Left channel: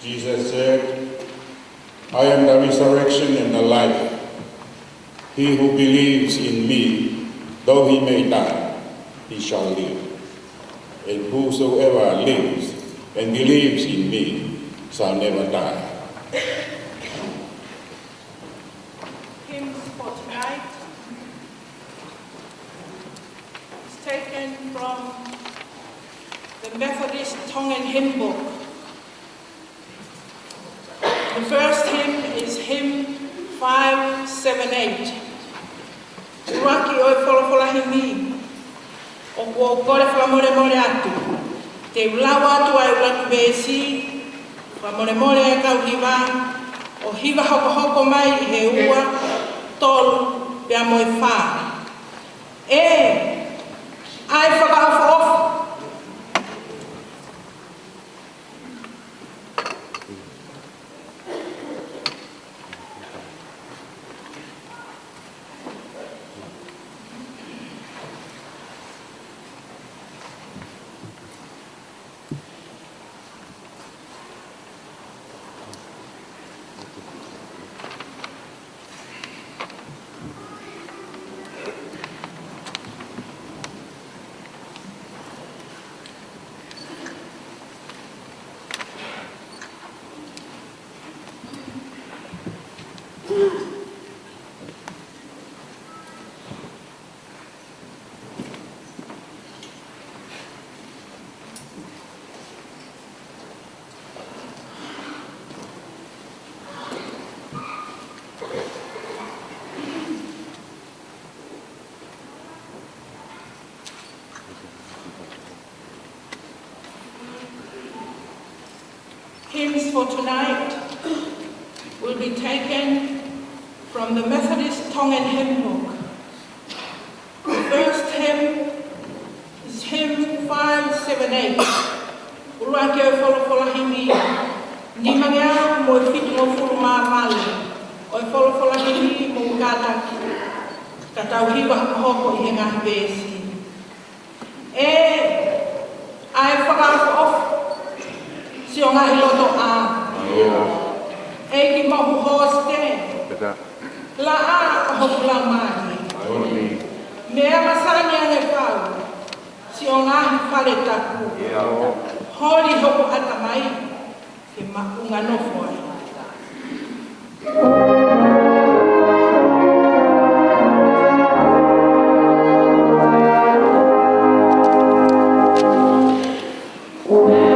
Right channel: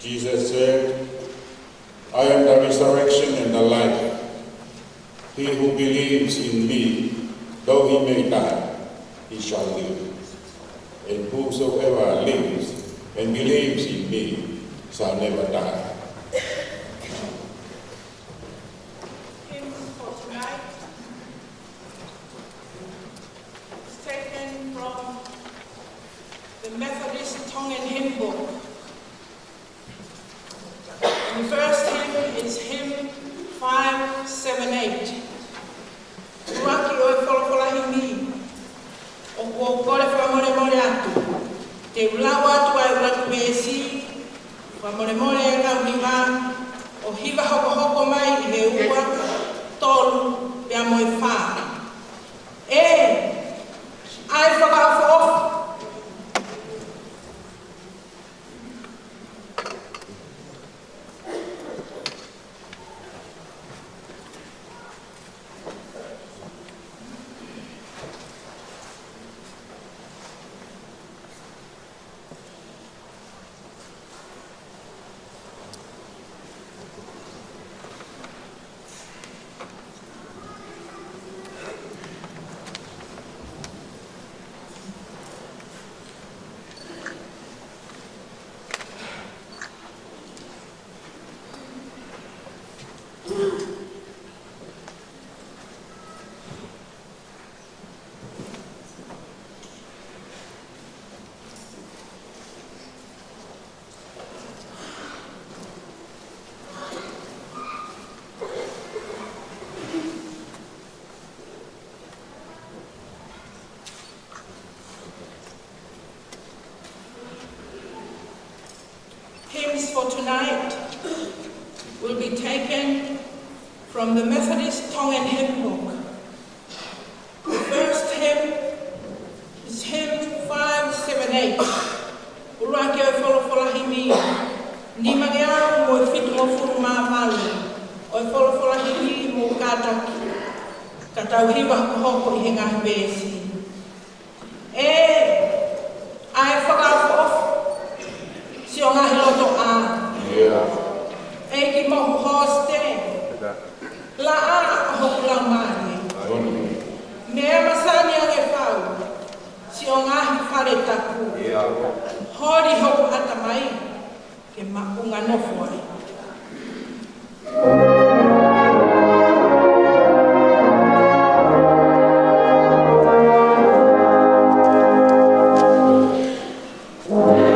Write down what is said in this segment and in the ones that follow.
Jesus said, I am the resurrection and the life. He who believes in me, though he may die, he shall live. And whosoever lives and believes in me shall never die. Hymn for tonight is taken from the Methodist Tongan hymn book. The first hymn is hymn 578. Uraki o e wholawholahi mi, o kua kore whamoremore atu. Te ulawa atu ai ulatu besi, whamoremore e kauhiwa, o hiwa hoko hoko mai I he ua, tolu, pea moe whā. Ai whakahofo. Hymns for tonight will be taken from the Methodist Tongan hymn book. The first hymn is hymn 578. Uraki o wholawholahi mi, ni mangea mo e whitu mo furu mā male, o e wholawholahi mi mo kātaki, ka tauhiwa hoko I he ngahi bēsi. Ai whakawhoofu, si o ngahi loto a. Ki mohu hoste. La a hoku lau maani. Mea masani ange whau, si o ngahi whare taku. Hori hoku atamai, ke makunga nofo ai. Oh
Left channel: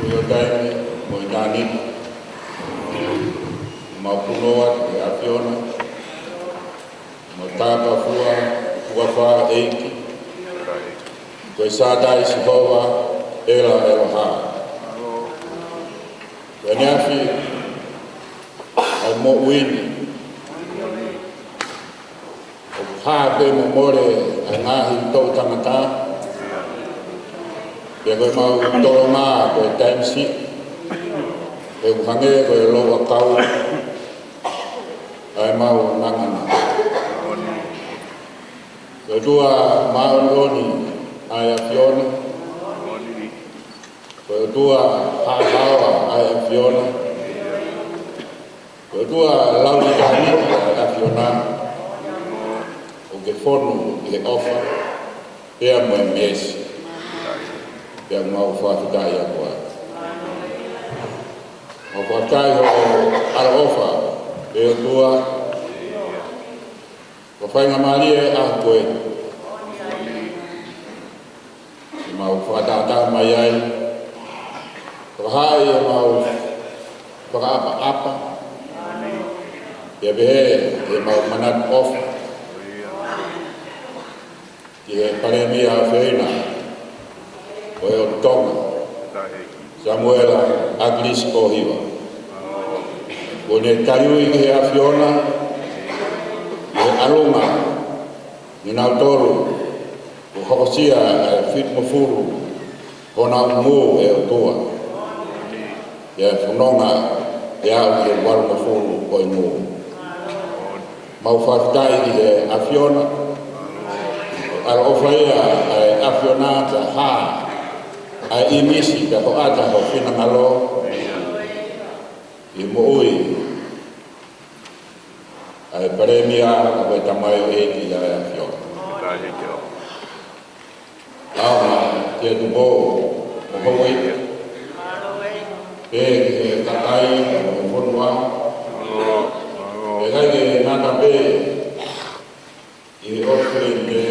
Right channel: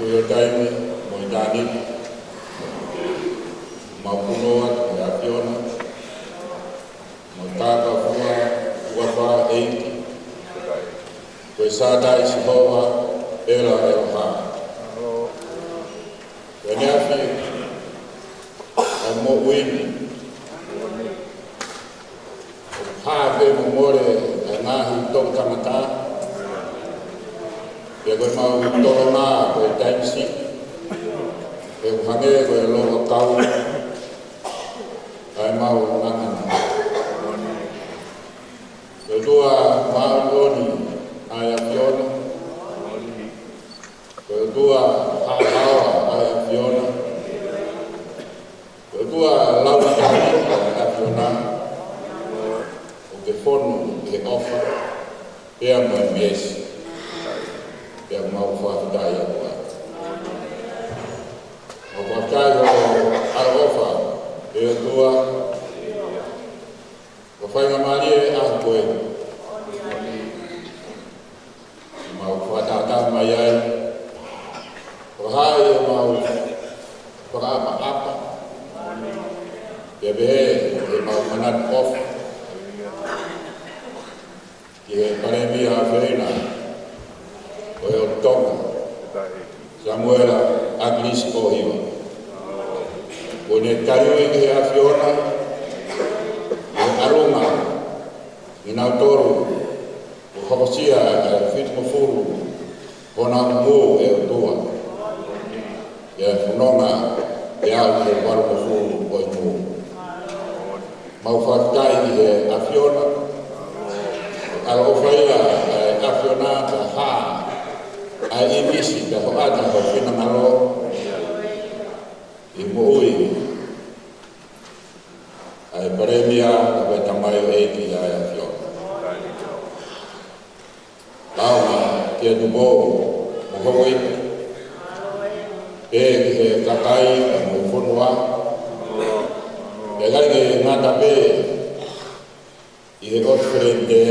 Kuyo taime, mo inani, mapunoa te afiona, mo tapa fua wha eiki, koe sādai si hoa, ela ha. Koe neafi, ai mo uini, o pāpe mo more ai ngāhi tau tangata, Ia koe mau toro mā koe time si, e uhange koe loa kau, ai mau ngangana. Koe tua maoni ai a Fiona, koe tua hahawa ai a Fiona, koe tua launi kahiki ai a Fiona, o ke fonu i he ofa, pea mo e miesi. Yang mau whakataya koe. Mau whakataya o ara ofa, e o tua, o whainga marie a koe. E mau whakatata mai ai, whakahai e mau whakaapa-apa, e behe e mau manat ofa, ki he Palemia a Whina, o e o Tonga, Samuela Akilisi Pohiva. O ne kaiui ki he awhiona, he aroma, ni nau toru, o hokosia e whitmofuru, hona umu e o tua. E whanonga e au ki he warumofuru o i mu. Mau whakatai ki he awhiona, ala ofaya e awhiona te haa, ai imisi te hoata ho whina ngalo i mo ui ai Palemia o e tamai o eiti ai a whio. Auma te tumo o hoi e ke KAKAI o FONUA e gai ke ngata pe i he otwherente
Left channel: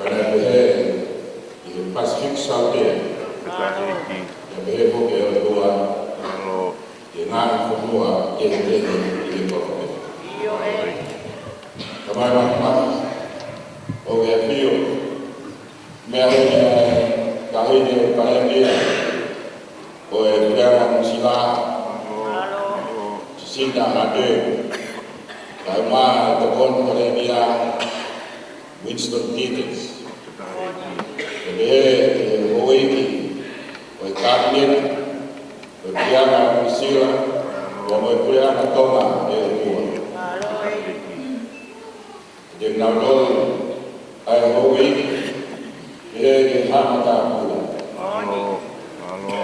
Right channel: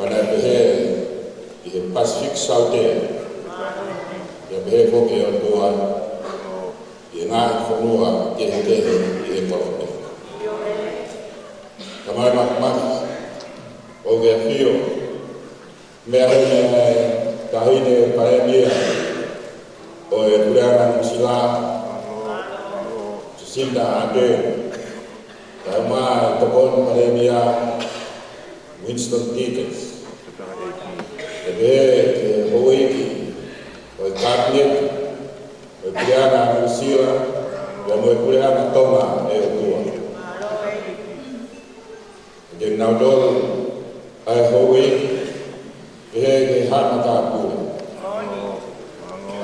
kana PEHEE PASIFIKI saute ya behe foke o toa ye ngā FONUA ke i Kolombe. Kamai makamaki o ke whio mea honi kahine Palemia o e PULE'ANGA musila JACINDA ARDERN kaima TOKONI Palemia WINSTON tickets. Behe hoiki, o cabinet, o PULE'ANGA musila, o PULE'ANGA Tonga e o tua. De naudol ai hoiki, behe ke hamata pula.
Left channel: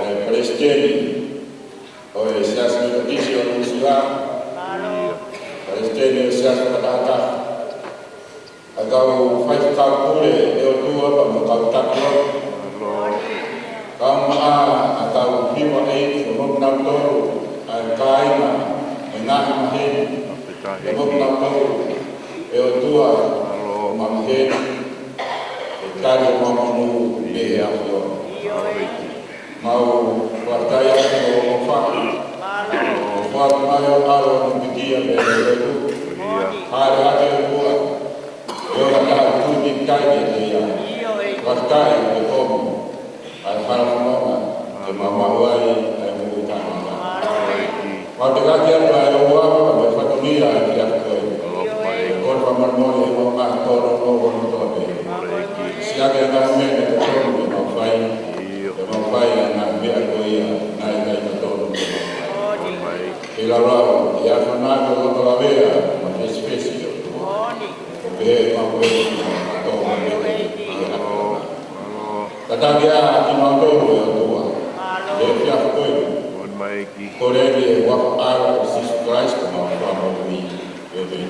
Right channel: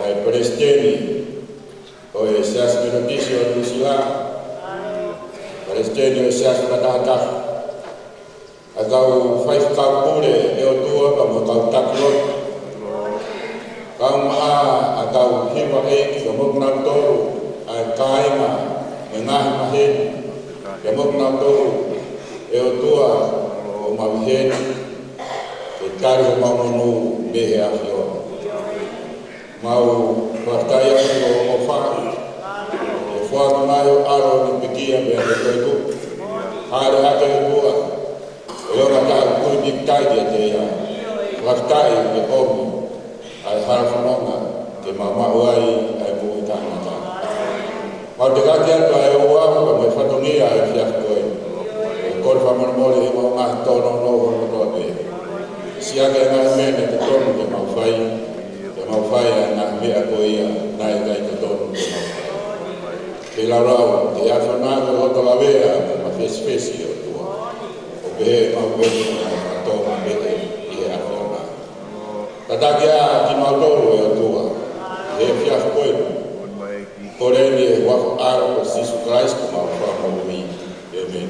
Ai Palestini, o e SIASI melodisi o musila, Palestini o SIASI matahata. Agau whai whakaupure e o tua pa mo kau takua. Kau maa a kau hiwa ei ka moknau toru ai kainga ni ngahi maheni. Ka moknau toru e o tua o mamiheni e kari e mamonu lehe a whiona. Mau whakai ati o whaka. E whaka mai o aro ni pikia me o reku. Haere hake o tua. E ora ka kuiti kai te ia. Whakai ke omu ai harafononga ke mamau ai ai mui tāmata. Mau te kaki atu ai oa ka mai whatonia ai whiafi koe. E kore whamarmori e mau ngahi tōna no hono tōne. Siake ngā mene te tōnu te mau whai. Te mau whai a ngā mea koe ia nai tai te tōnu te mau whai. Ke laurau te awhanai ko hoto la wea ma fesi o tua. O behe mau weto ki mau katoa mene i e awhanai. Tatake a ki mautoro e o toa, e whiafu koe. Koreni e wako aro o Sisu Christ ko mau whamarui. Amen.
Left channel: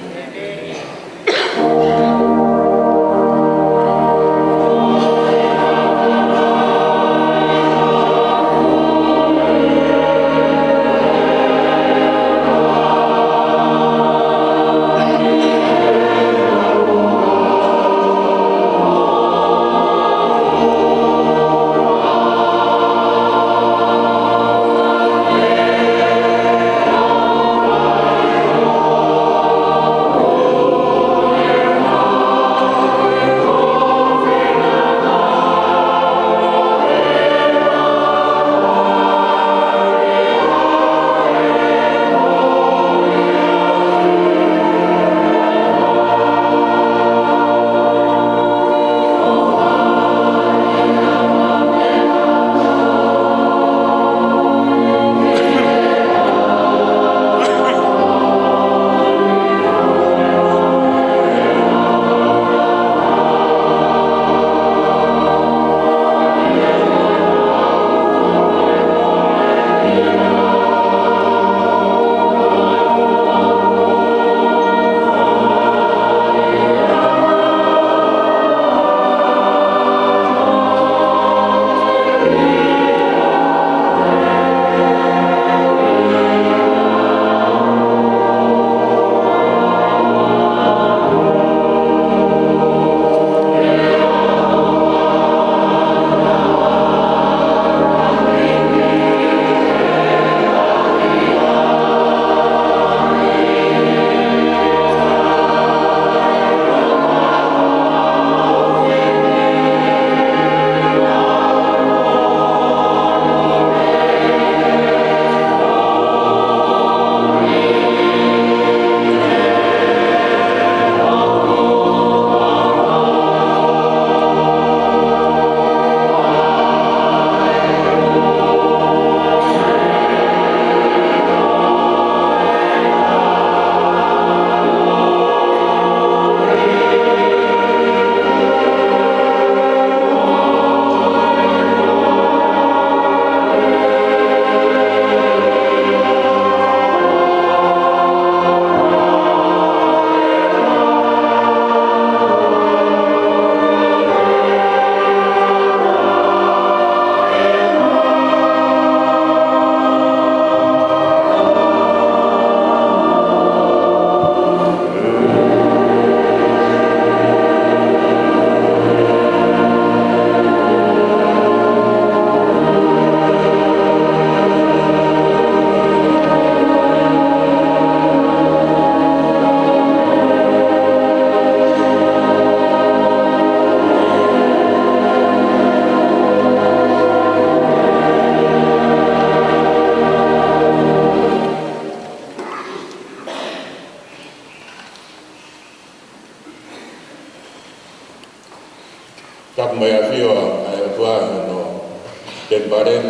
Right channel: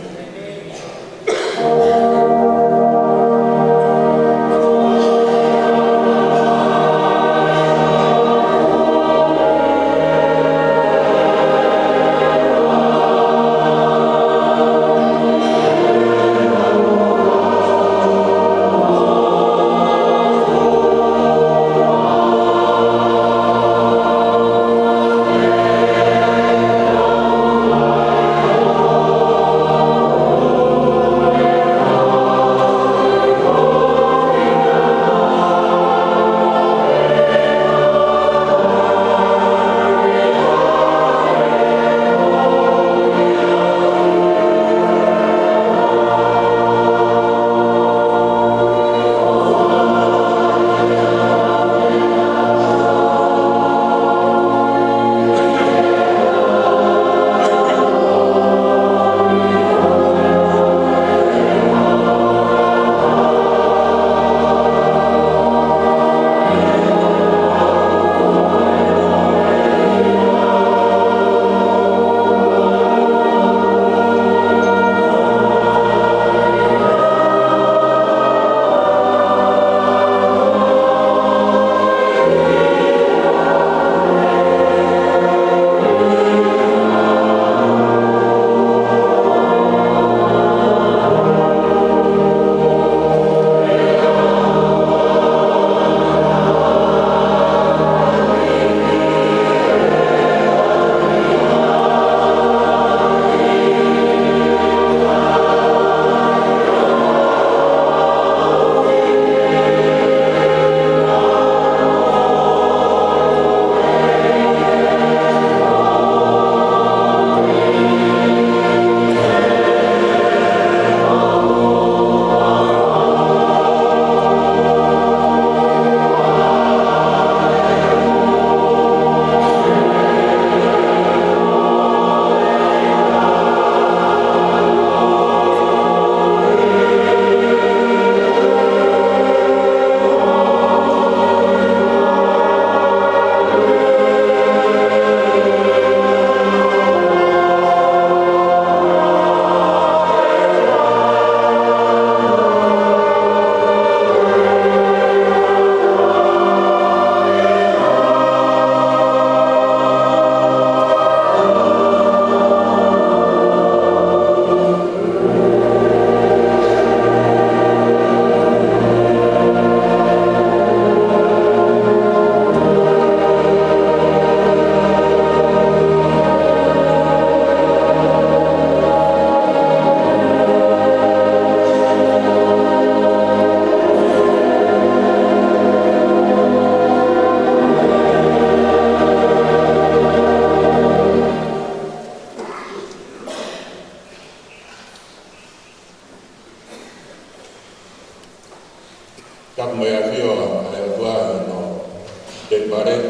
everybody.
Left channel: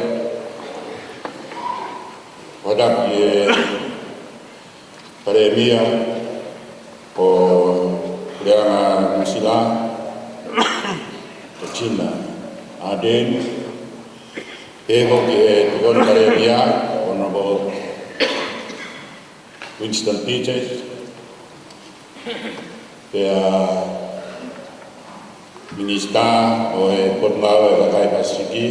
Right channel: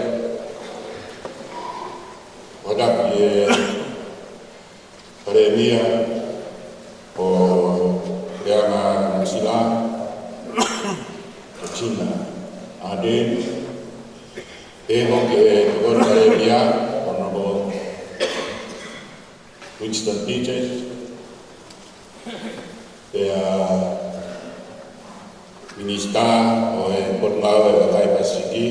What up, Palemia, or PULE'ANGA JACINDA, ARDERN, TOKONI Palemia, Honourable WINSTON MINISITA o KONGA o KAKAI PASIFIKI,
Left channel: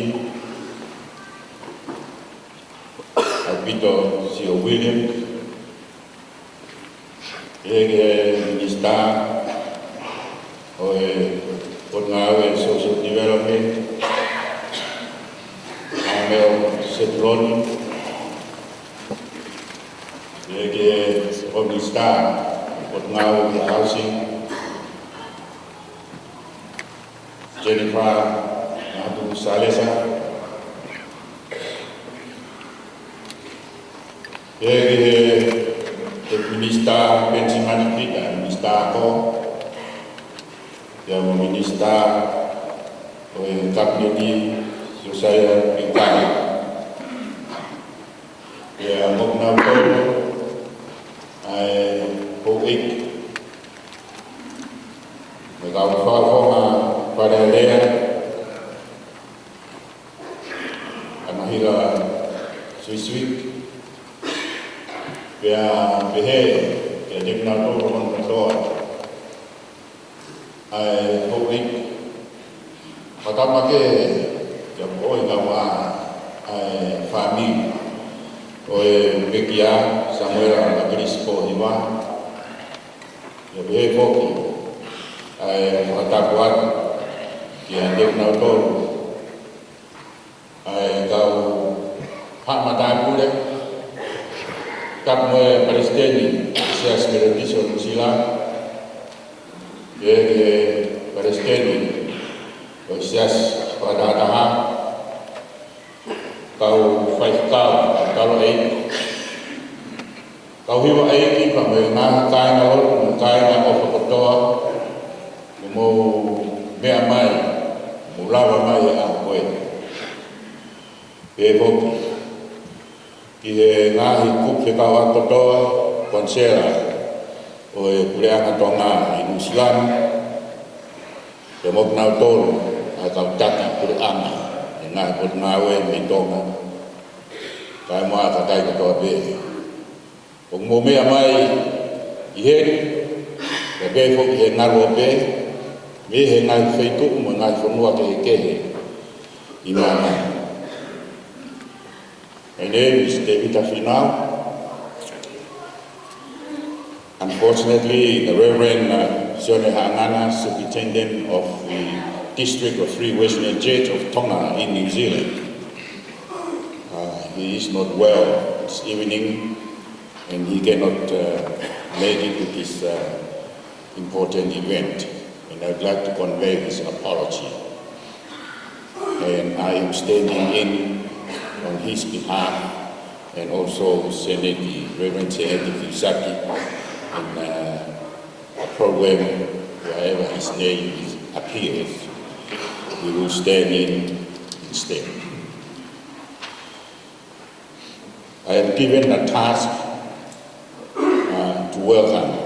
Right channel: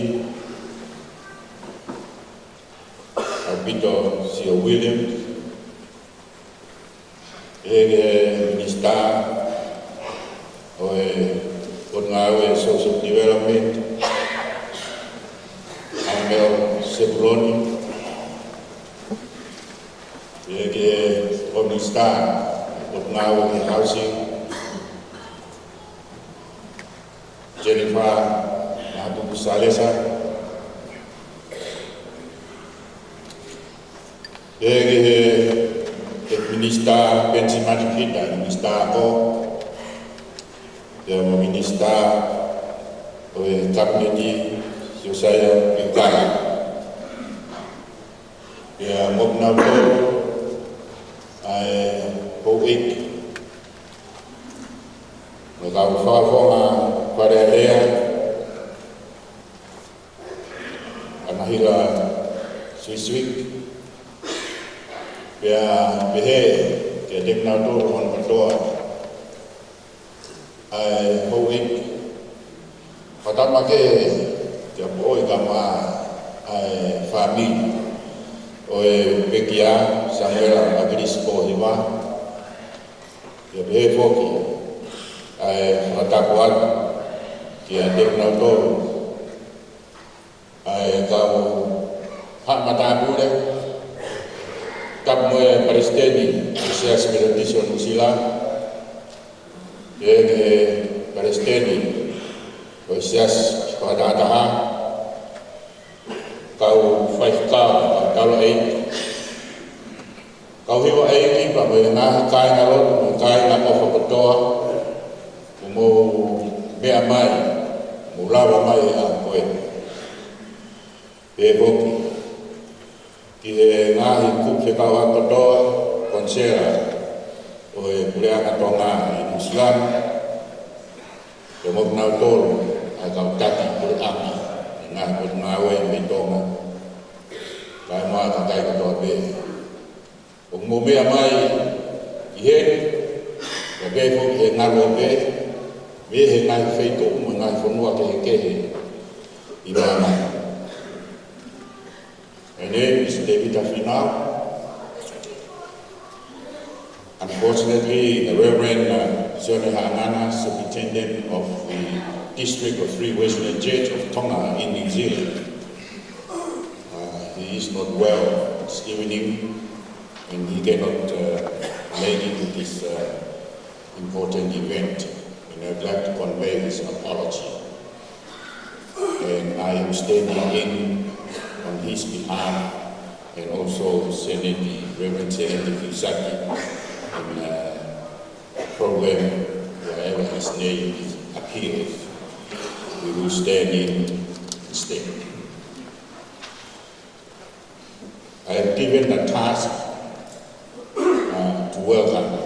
Abito Sio William, MINISITA o KONGA o Social Development, Setron, MINISITA KONGA o Housing, Jennifer Nadu Salesa, MINISITA Pensimanikita, MINISITA ako, MINISITA o Kapneti Susaya Pingkara, Moknautol ay Hoik, Magkakafonga Palemia, Anahila Swiswik, PEHEE, KOTOA, ay Hoik, Matamake, Oi Gama, ay Family, Oi Pekia, Samuel Akilisi Pohiva, PEHEE Foki, ay Matakuat, Kia Deknautor, ay kau hak mata boleh, kap moe Palestini, SIASI Meditation sila, Palestini, SIASI pada tahap, kau 5 kau 8, kau hiwa 8 ipa moe ngah kai ngalor, kai ngah ofa kotoa, kumo mea mai. Mulawa mai a koe. Hoki. KIHE NGAAHI kupe kawa kotoa konsera o PULE'ANGA Tonga i New Zealand. Moknau tolu a kau TAKI PULE'ANGA ngāhi pot ngawe me Tonga. Kai moa KAKAI kotoa PEHEE. O mo mea mai i he, ka PEHEE he ngaro PEHEE. Me he ngai whaiko mo ngai FONUA KIHE i mana. My name is David Afinau. Unfortunately, the Reverend Sione Hangana, Superintendent of the District of Free Western Church of Tonga in New Zealand, he is not well this evening and he cannot make it to this important event. And I'd like to convey his apology. And I am standing in on his behalf and also sending the Reverend Fusaki in a program wherever his name appears. We will stand in instead. I am given the task to welcome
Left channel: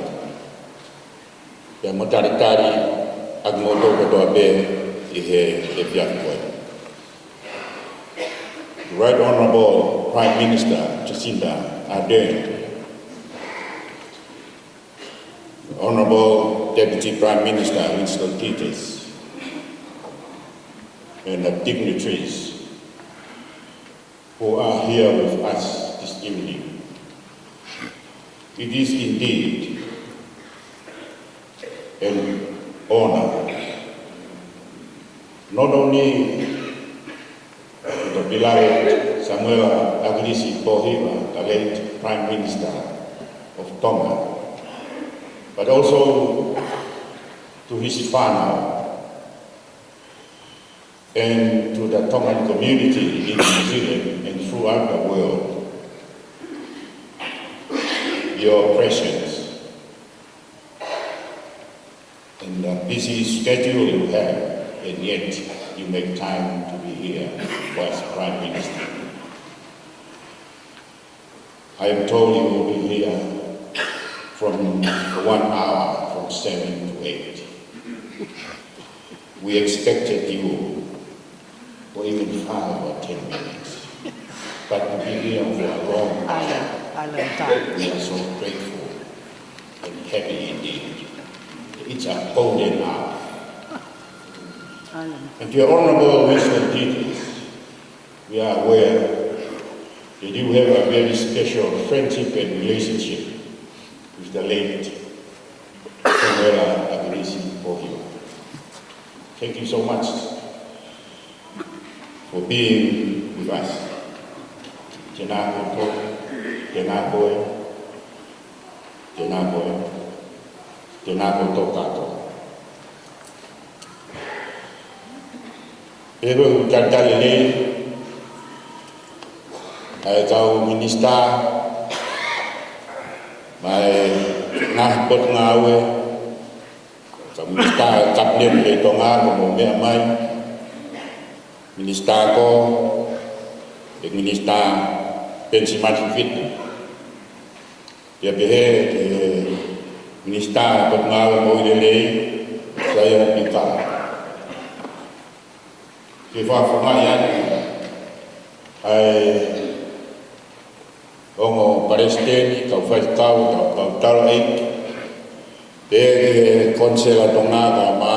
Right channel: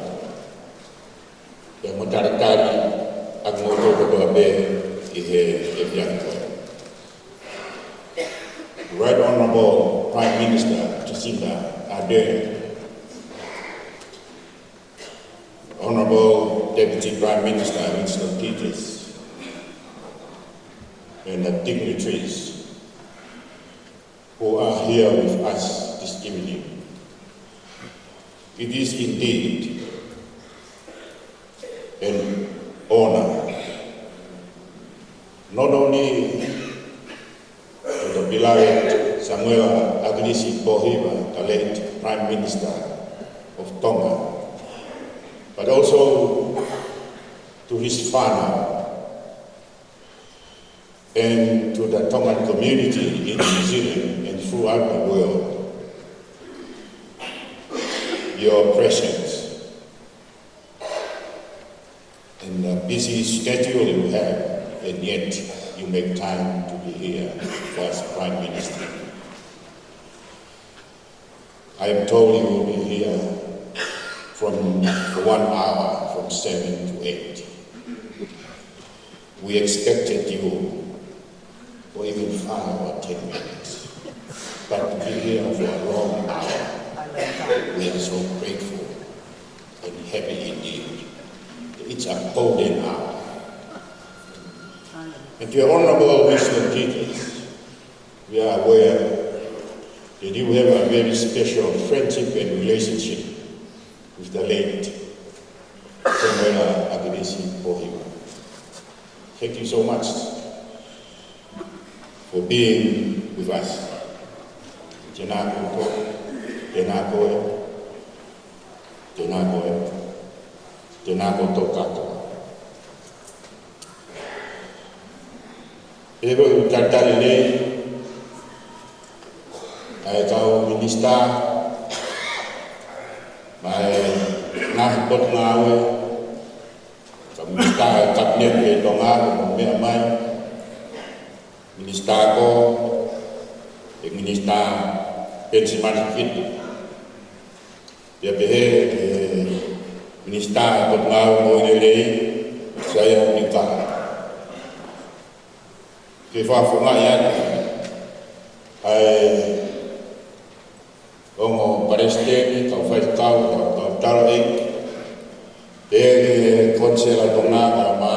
the Motaritari Agmoto Kotoa PEHEE. Right Honourable Prime Minister JACINDA ARDERN, Honourable Deputy Prime Minister WINSTON and the dignitaries who are here with us this evening. It is indeed an honor, not only to the beloved Samuel Akilisi Pohiva, the late Prime Minister of Tonga, but also to his family and to the Tongan community in New Zealand and throughout the world. Your presence and the busy schedule you have, and yet you make time to be here as Prime Minister. I am told he will be here for 1 hour from 7 to 8. We expected you for even 5 or 10 minutes, but to be here for a long hour, we are so grateful and happy indeed. It's a golden hour. And your Honourable WINSTON teachers, we are aware that you have a very special friendship and relationship with the late Honourable Akilisi Pohiva. Thank you so much for being with us. Tēnā koutou, tēnā koe, tēnā koe, tēnā koutou katoa. Ewe utatari lei, ai kau minista, mai nah pot ngawe, kau minista kabinet le Tonga mo mea mai, minista ko, minista pensi fit, dia PEHEE minista pot ngawe mo lei, saya pikir. Ke whafonga ia ai ongo paresteni kau whaikau kau taro eik te konsela Tonga ka ma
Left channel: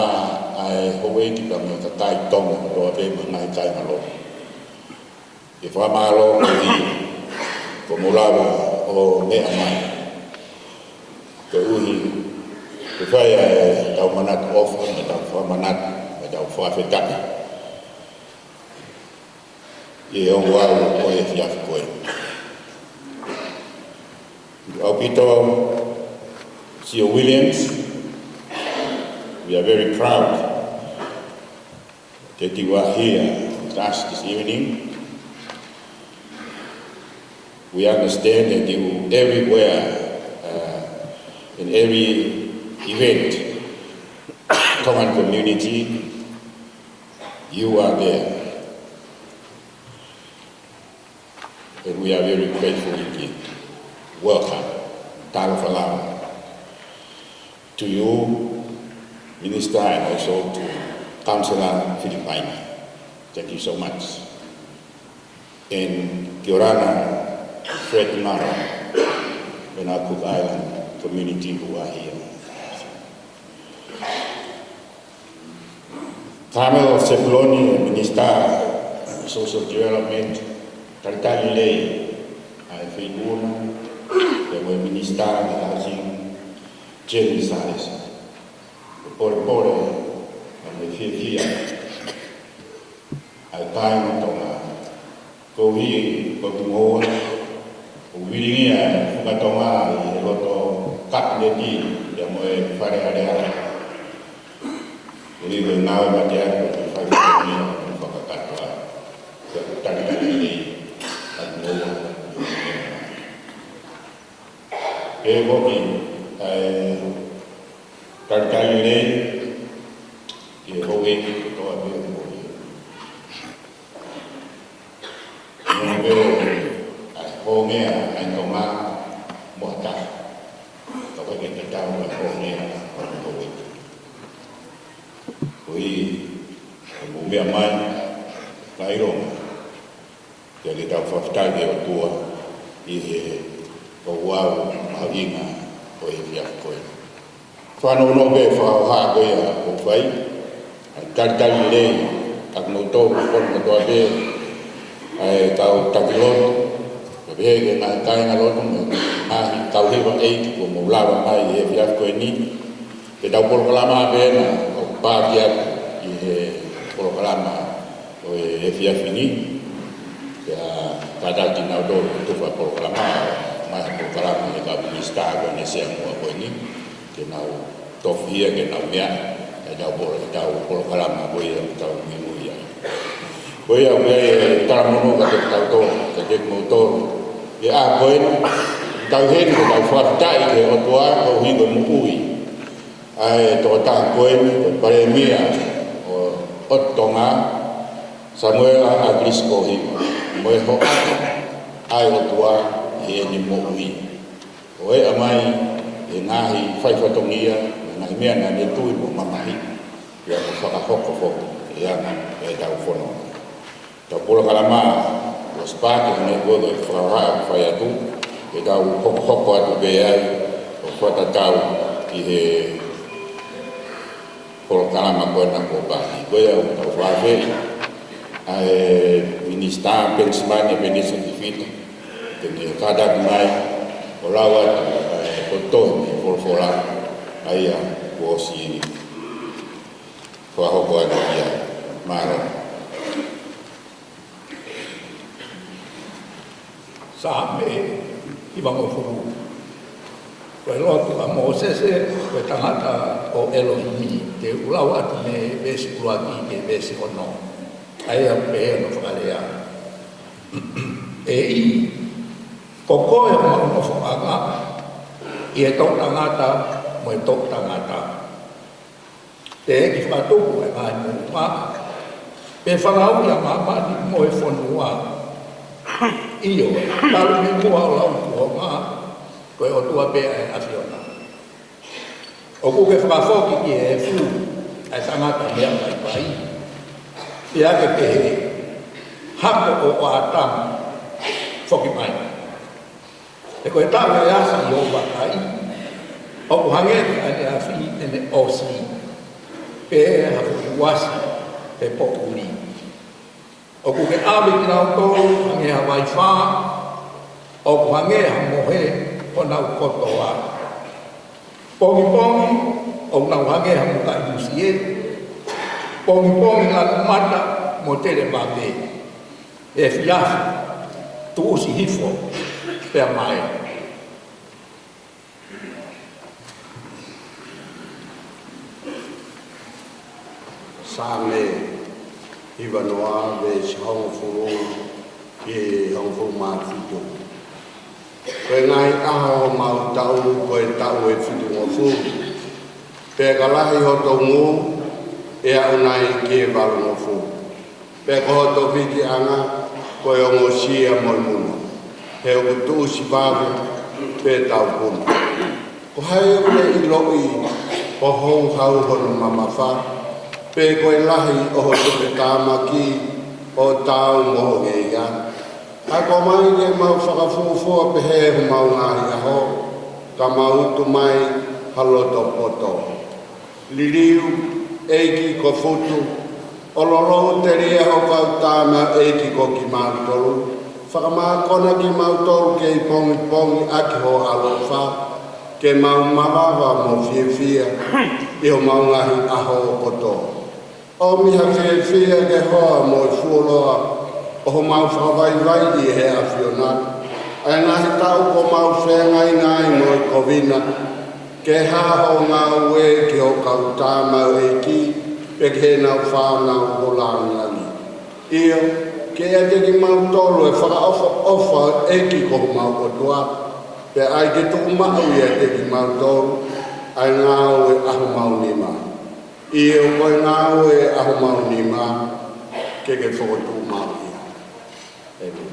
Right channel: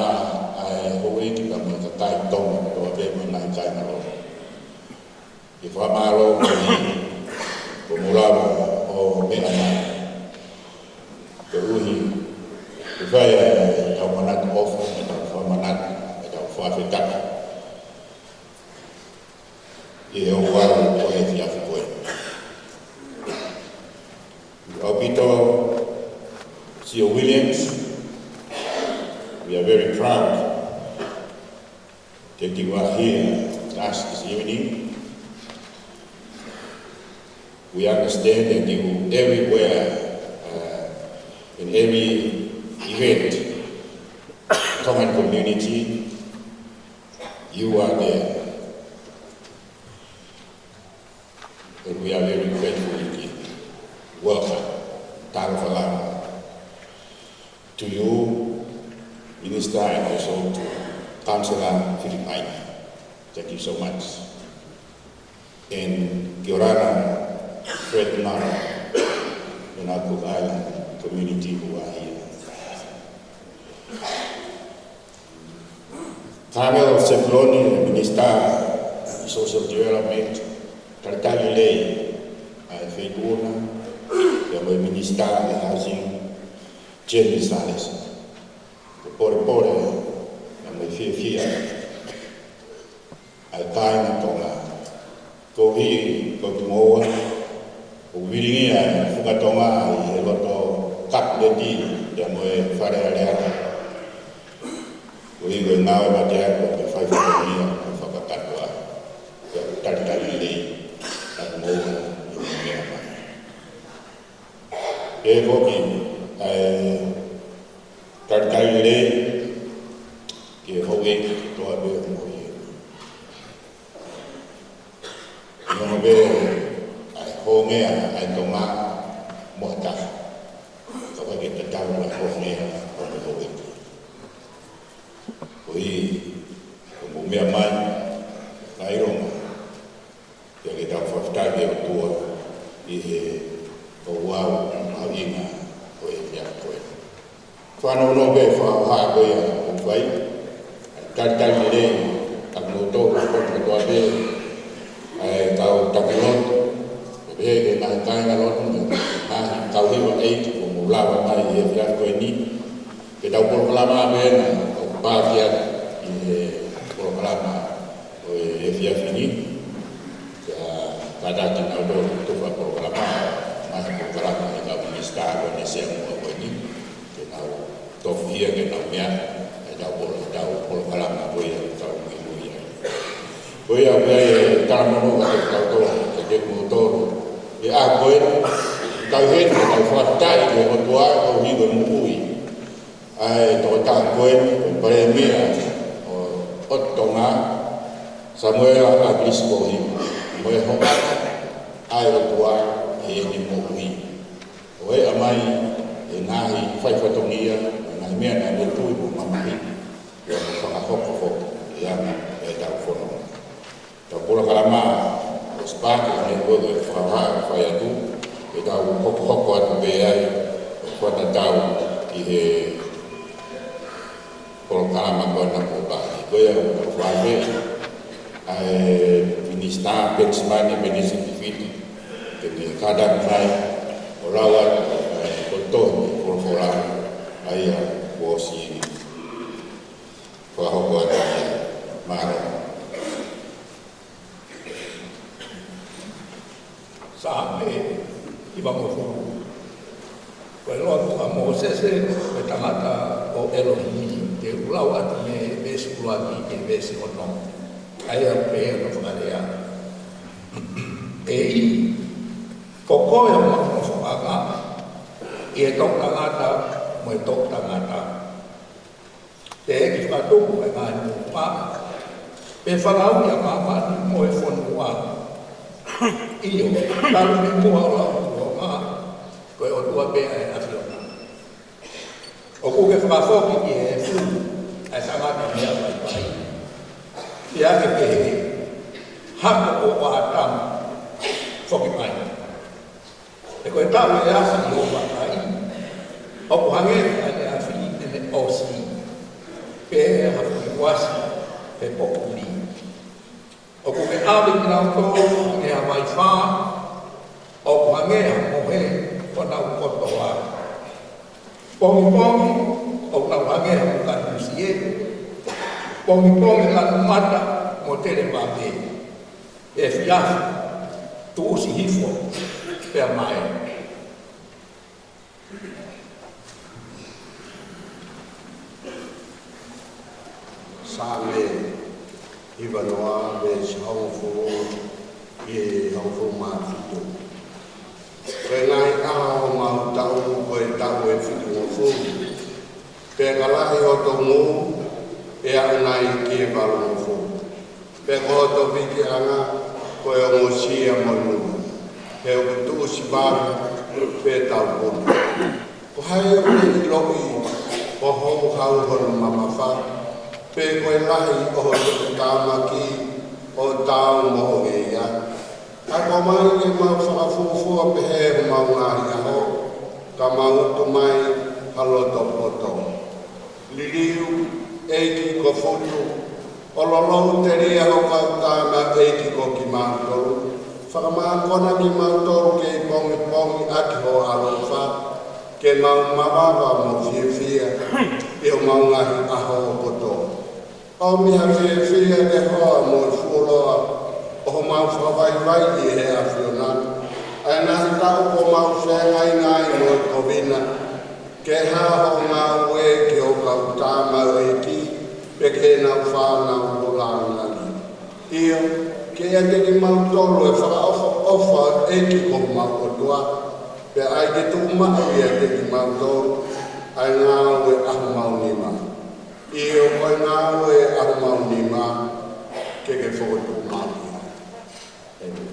ai howe ki pa ma KAKAI Tonga to be ngai kai malo ke whamalo ko mulava o me amai ke uhi ke whai tau manat ofu me tau whamanat me tau whawhetaki Opito Sir Williams, we are very proud that you are here with us this evening. We understand that you everywhere, in every event, Tongan community, you are there. And we are very grateful indeed. Welcome, Talafalama, to you, Minister, and also to Councillor Filipina. Thank you so much. And Kiorana, Fred Mara, and our Cook Island community who are here. Carmel Seploni, Minister of Social Development, Tartali lei ai FONUA, the Minister of Housing, Jenny Sales, the Pore, and the Fia, ai Kainga Tonga, KIHE, Kotumoa, Wiringia, Fukatonga, i Lotu Fakafeta'I, the Moe Farearea, we will now have a 5 million for KOTOA, Tartali lei. Evoki ai KAKAI lei ke howe toa be mo ye. Ia be ai honge ai Tonga mo ta. Ka ke te tau na honge o howe. Koi ko mea mai kai ro. Ia ke tau whaftai ke o tua i he o wau mahinga o i kia koe. Whanau no be whao haa koe a o whai, a taritari lei, ak no tō kukon katoa be, ai kau takiloto, ka behe ke nahi kainga loto, mahi kau hewa eiki ko mo lawa mai i he whiaf koe ni, ke tau polokalama be na o pākiat i he polokalama o he whiaf ni, Kadaki na do tufa programa mais programa e ka minista ko ne se mo ko ni ke na tof hia ke na mea e da programa ko ia ta mu ia ko ia me ta mo ka ta to ke mo to e a ko ta hen ko fa ta e o toa ko hi ko mu ui ai to ta ko Palemia o Tonga Samuel Akilisi Pohiva, moe ho'aka ai o tua i eni mo'ui. O e amai e ngahi whaifatongia, ngahi mea na ne tui mo mamahi, ia mo whakafofo e anga e tau FONUA. Tau pula kalama, o spake ne koe koe whaha whai atu, e tau hoko atu be ai, o whata tau ki he pula kalama koe na koe pāti. Koe au tau whawhei, ai MINISITA pensimanya MINISITA ke kadak mai o lawa o tohi por fola ai o si ko ho ia maro sa me i vamo furu ko lotu a Mosese ko tangata o Elohim ke ulawa ne besi ulati ke besi ono ai a pe no farea e koko e ma no fanga e to tangata mo to tangata te ki fatu e mai mo pa pe falau ya mama di mo e FONUA iyo talu me mo ala ko ma ko o tua pe e afiona o ku ke fa foki ki e fu ai tangata me ai pai ia ke PEHEE hako o atam foki pai e koe tawe e asa i o bakai o kuhange ane afi ene osi PEHEE hako i wasi e pokuri o kuke awe ki nao kou hange ha mai wha o kuhange ha mohe o nau KOTOA pongi pongi o nau hange ha muka imusie pongi la mata mo tele mate e fiafi tu usi hifo per mai same iwa noa ve si hongo furu e hongo furu mafito koe ngai aho mau tau koe tau e fitu mo furu pe kalahi ho tau mo e au nai ke walu mo fu. Pe koho to piki anga, koe o mo sia mo muna. He o kutu si babu, pe tau puna. Ko hai o le i loi, o hou hau hono mamafa, pe koe lahi o ho tuke tāmaki, o tau moho e ia. A ko mai ke mau whakafofua PEHEE ho mau ngahi aho, ka mau tu mai haloto poto. Liliu, eiki ko futu, o lolo te rea ho kautama eiki ko ki mautoru. Whakamākona ki mautoru ke i pongi pongi aki ho alofa, ke mau mawawa mo fia fia, i ho mau ngahi aho o koto. O miha fia fia ke hoa mo i fuoloa, o ho mau whawai vai i he a fiona. Ai ngahi tau ko mau whengai ngai mo i kovina, ke haho ngā ue ki o kautama e ki, pe ke nau whānau ko langani. Io, ke ia te ki mau tolu e whakaofa e ki ko mau o tua, pe ai ke tuku mau ia te ki mau tolu, ai ngā ue ahu mau nima. Io, koe ngā ue ahu mau nima, ke whakotu mau ia. Amen.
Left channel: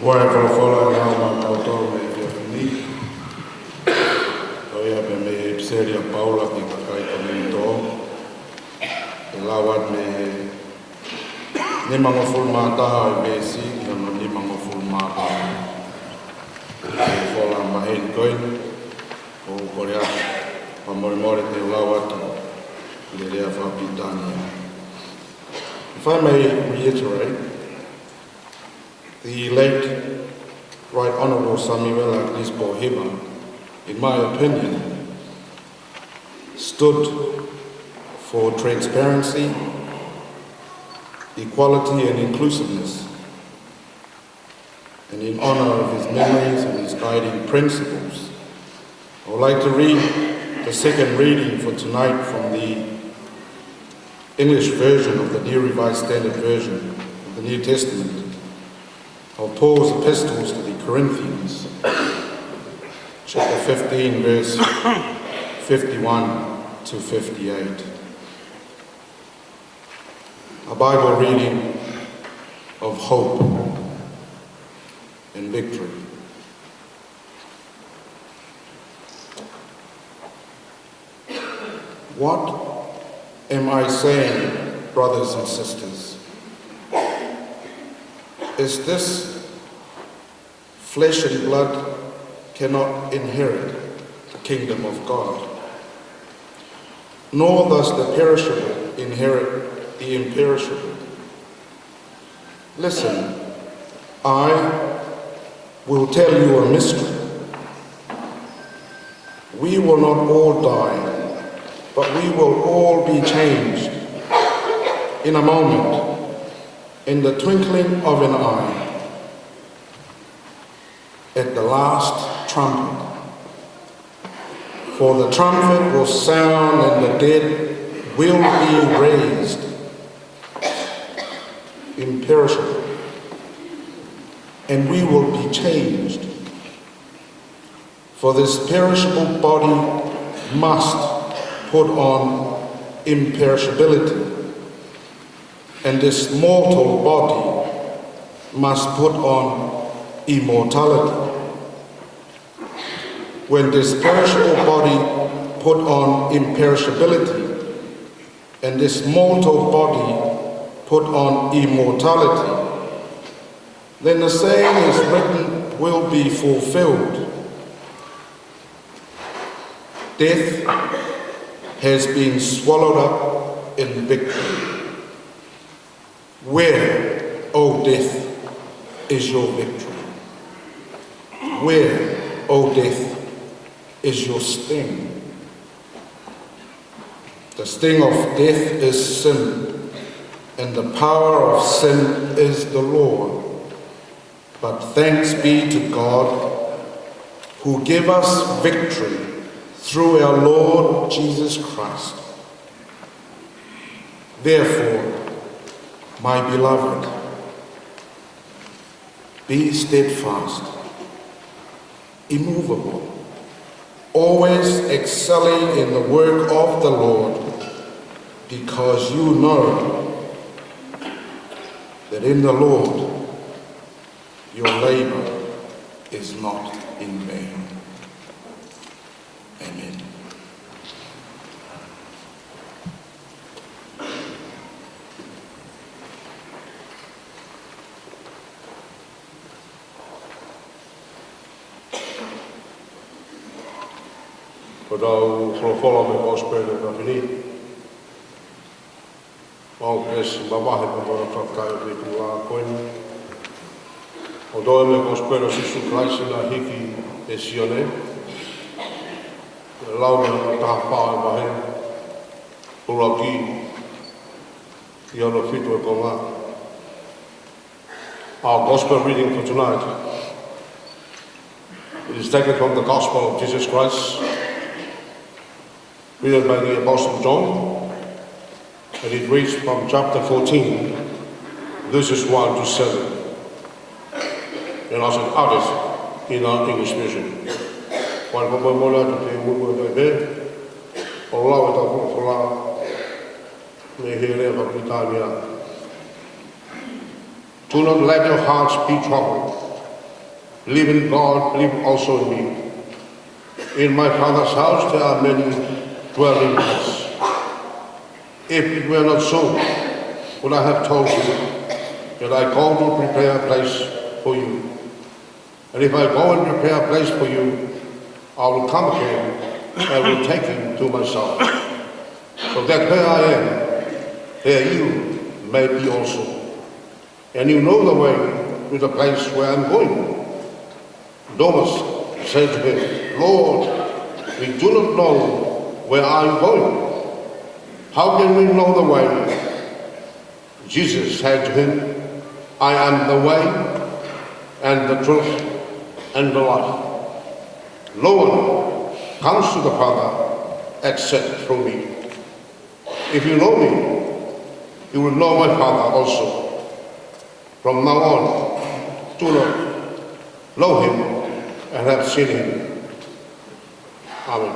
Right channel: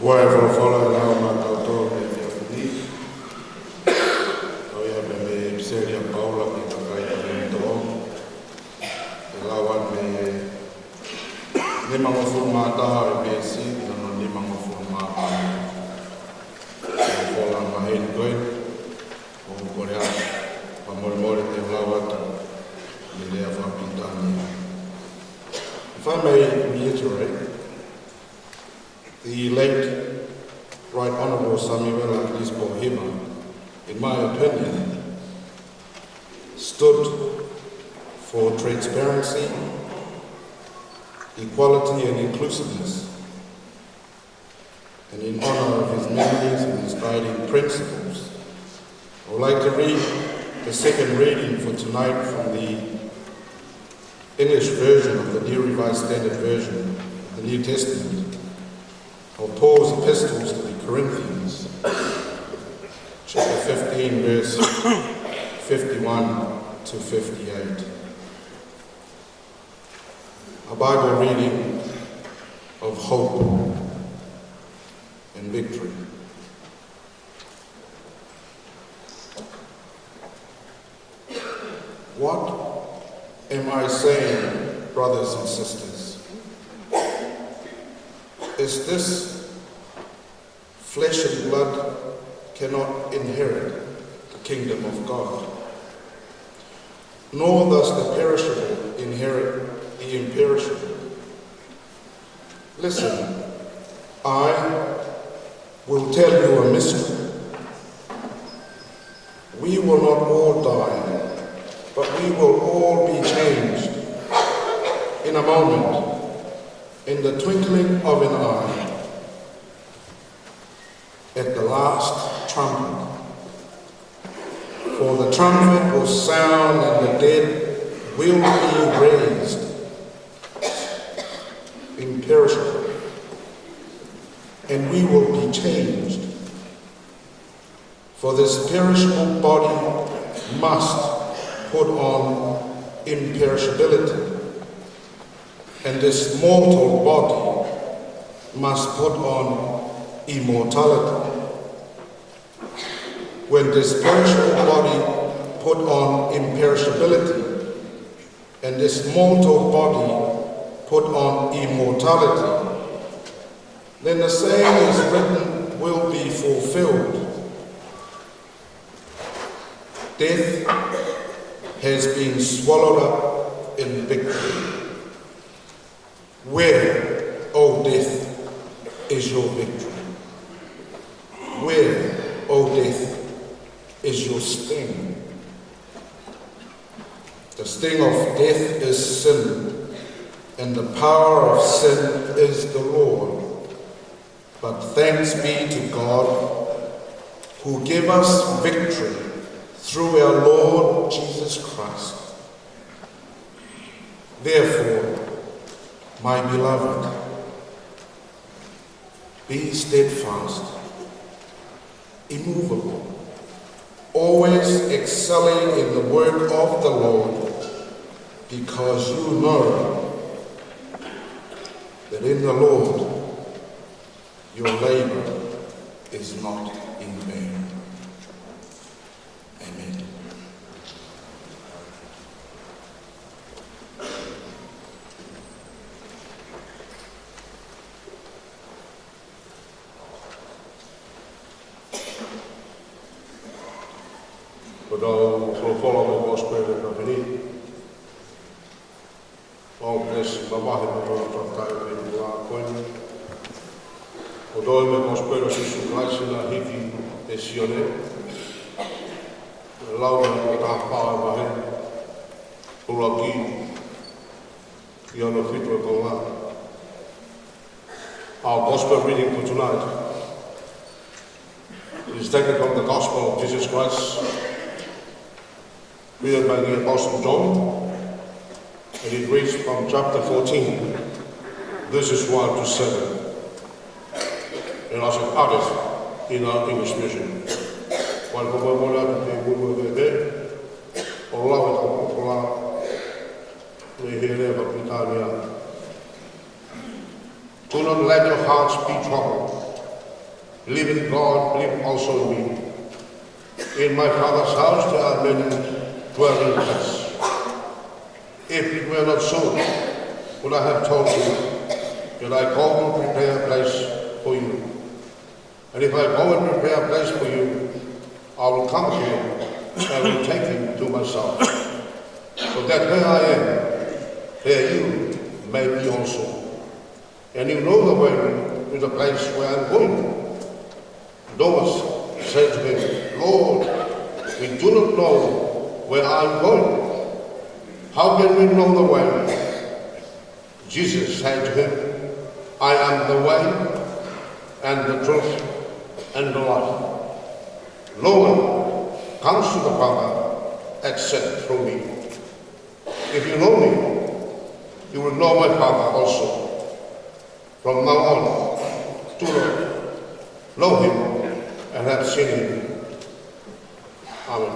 Wai whalafola ngā mātautoa me whiawhini. O ia pe me Pseria Paula ki KAKAI kore toa. E lawat me nimanga full mātaha e bēsi ki ano nimanga full mātaha. E whala mahen koe o korea pa morimore te lawata le rea whapitania. If I may reiterate, the late Right Honourable Samuel Akilisi Pohiva, in my opinion, stood for transparency, equality and inclusiveness. And in honour of his memories and his guiding principles, I would like to read the second reading for tonight from the English version of the New Revised Standard Version of the New Testament of Paul's epistles to the Corinthians, chapter 15, verse 51 to 58. A Bible reading of hope and victory. What am I saying, brothers and sisters? Is this flesh and blood cannot inherit the kingdom of God, nor does the perishable inherit the imperishable. Listen, I will tell you a mystery. We will not all die, but we will all be changed in a moment, in the twinkling of an eye, at the last trumpet. For the trumpet will sound and the dead will be raised imperishable, and we will be changed. For this perishable body must put on imperishability, and this mortal body must put on immortality. When this perishable body put on imperishability, and this mortal body put on immortality, then the saying is written will be fulfilled. Death has been swallowed up in victory. Where, O death, is your victory? Where, O death, is your sting? The sting of death is sin, and the power of sin is the law. But thanks be to God, who gave us victory through our Lord Jesus Christ. Therefore, my beloved, be steadfast, immovable, always excelling in the work of the Lord, because you know that in the Lord your labor is not in vain. Amen. Kodau wholofola me gospel e ka whini. Wau kes mamahe me kona whakai o reiku la koini. Kodau me gospel o Sisu Christ na hiki e sione. Lau me ana taha paa e mahe. Pula ki ana whitu e konga. Our gospel reading for tonight is taken from the Gospel of Jesus Christ, written by the Apostle John, and it reads from chapter 14, verses 1 to 7. And I said, added in our English version. While we were out today, we were there, allow it for la, me here of Britannia. Do not let your hearts be troubled. Believe in God, believe also in me. In my Father's house there are many dwelling places. If it were not so, would I have told you that I go to prepare a place for you? And if I go and prepare a place for you, I will come again and will take him to myself, so that where I am, there you may be also. And you know the way to the place where I'm going. Thomas said to him, Lord, we do not know where are you going. How can we know the way? Jesus said to him, I am the way and the truth and the life. No one comes to the Father except through me. If you know me, you will know my Father also. From now on, do not know him and have seen him. Amen.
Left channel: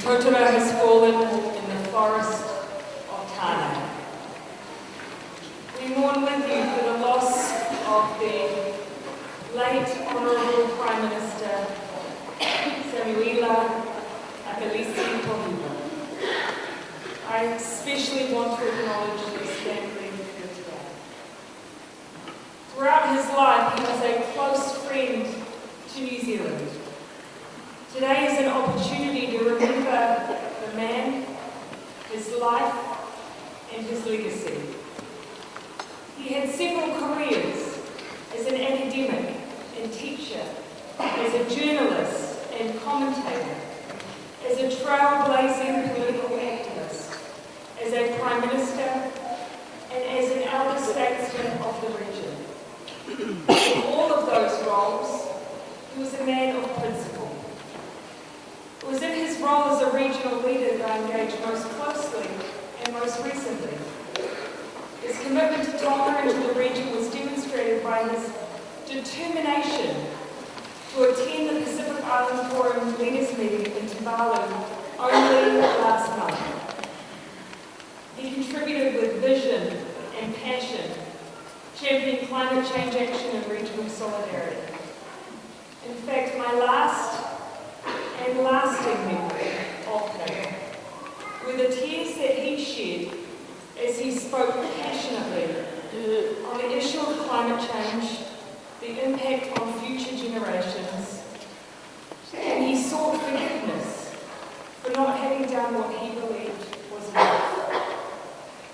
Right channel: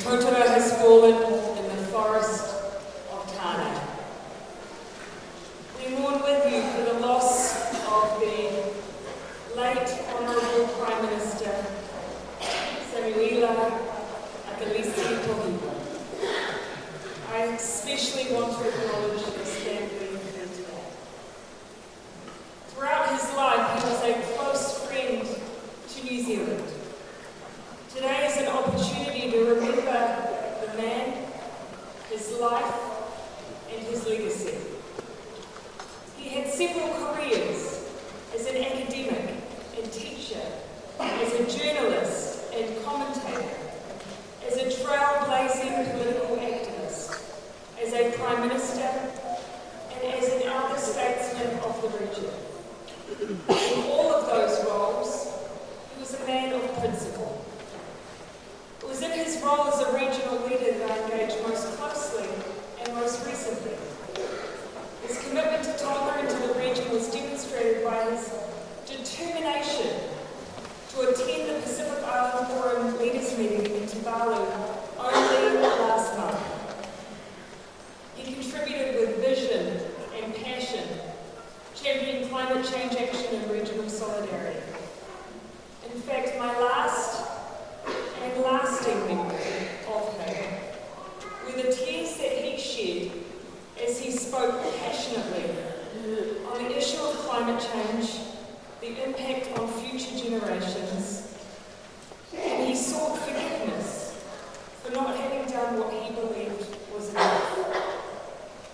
totara has fallen in the forest of Tāne. We mourn with you for the loss of the late Honourable Prime Minister Akilisi Pohiva. I especially want to acknowledge his family here today. Throughout his life, he was a close friend to New Zealand. Today is an opportunity to remember the man, his life, and his legacy. He had several careers as an academic and teacher, as a journalist and commentator, as a trailblazing political activist, as a Prime Minister, and as an elder statesman of the region. In all of those roles, he was a man of principle. It was in his role as a regional leader that I engaged most closely and most recently. His commitment to Tonga and to the region was demonstrated by his determination to attend the Pacific Island Forum Leaders Meeting in Tuvalu only last month. He contributed with vision and passion, championing climate change action and regional solidarity. In fact, my last and lasting memory of him were the tears that he shed as he spoke passionately on the issue of climate change, the impact on future generations, and he sought forgiveness for not having done what he believed was enough.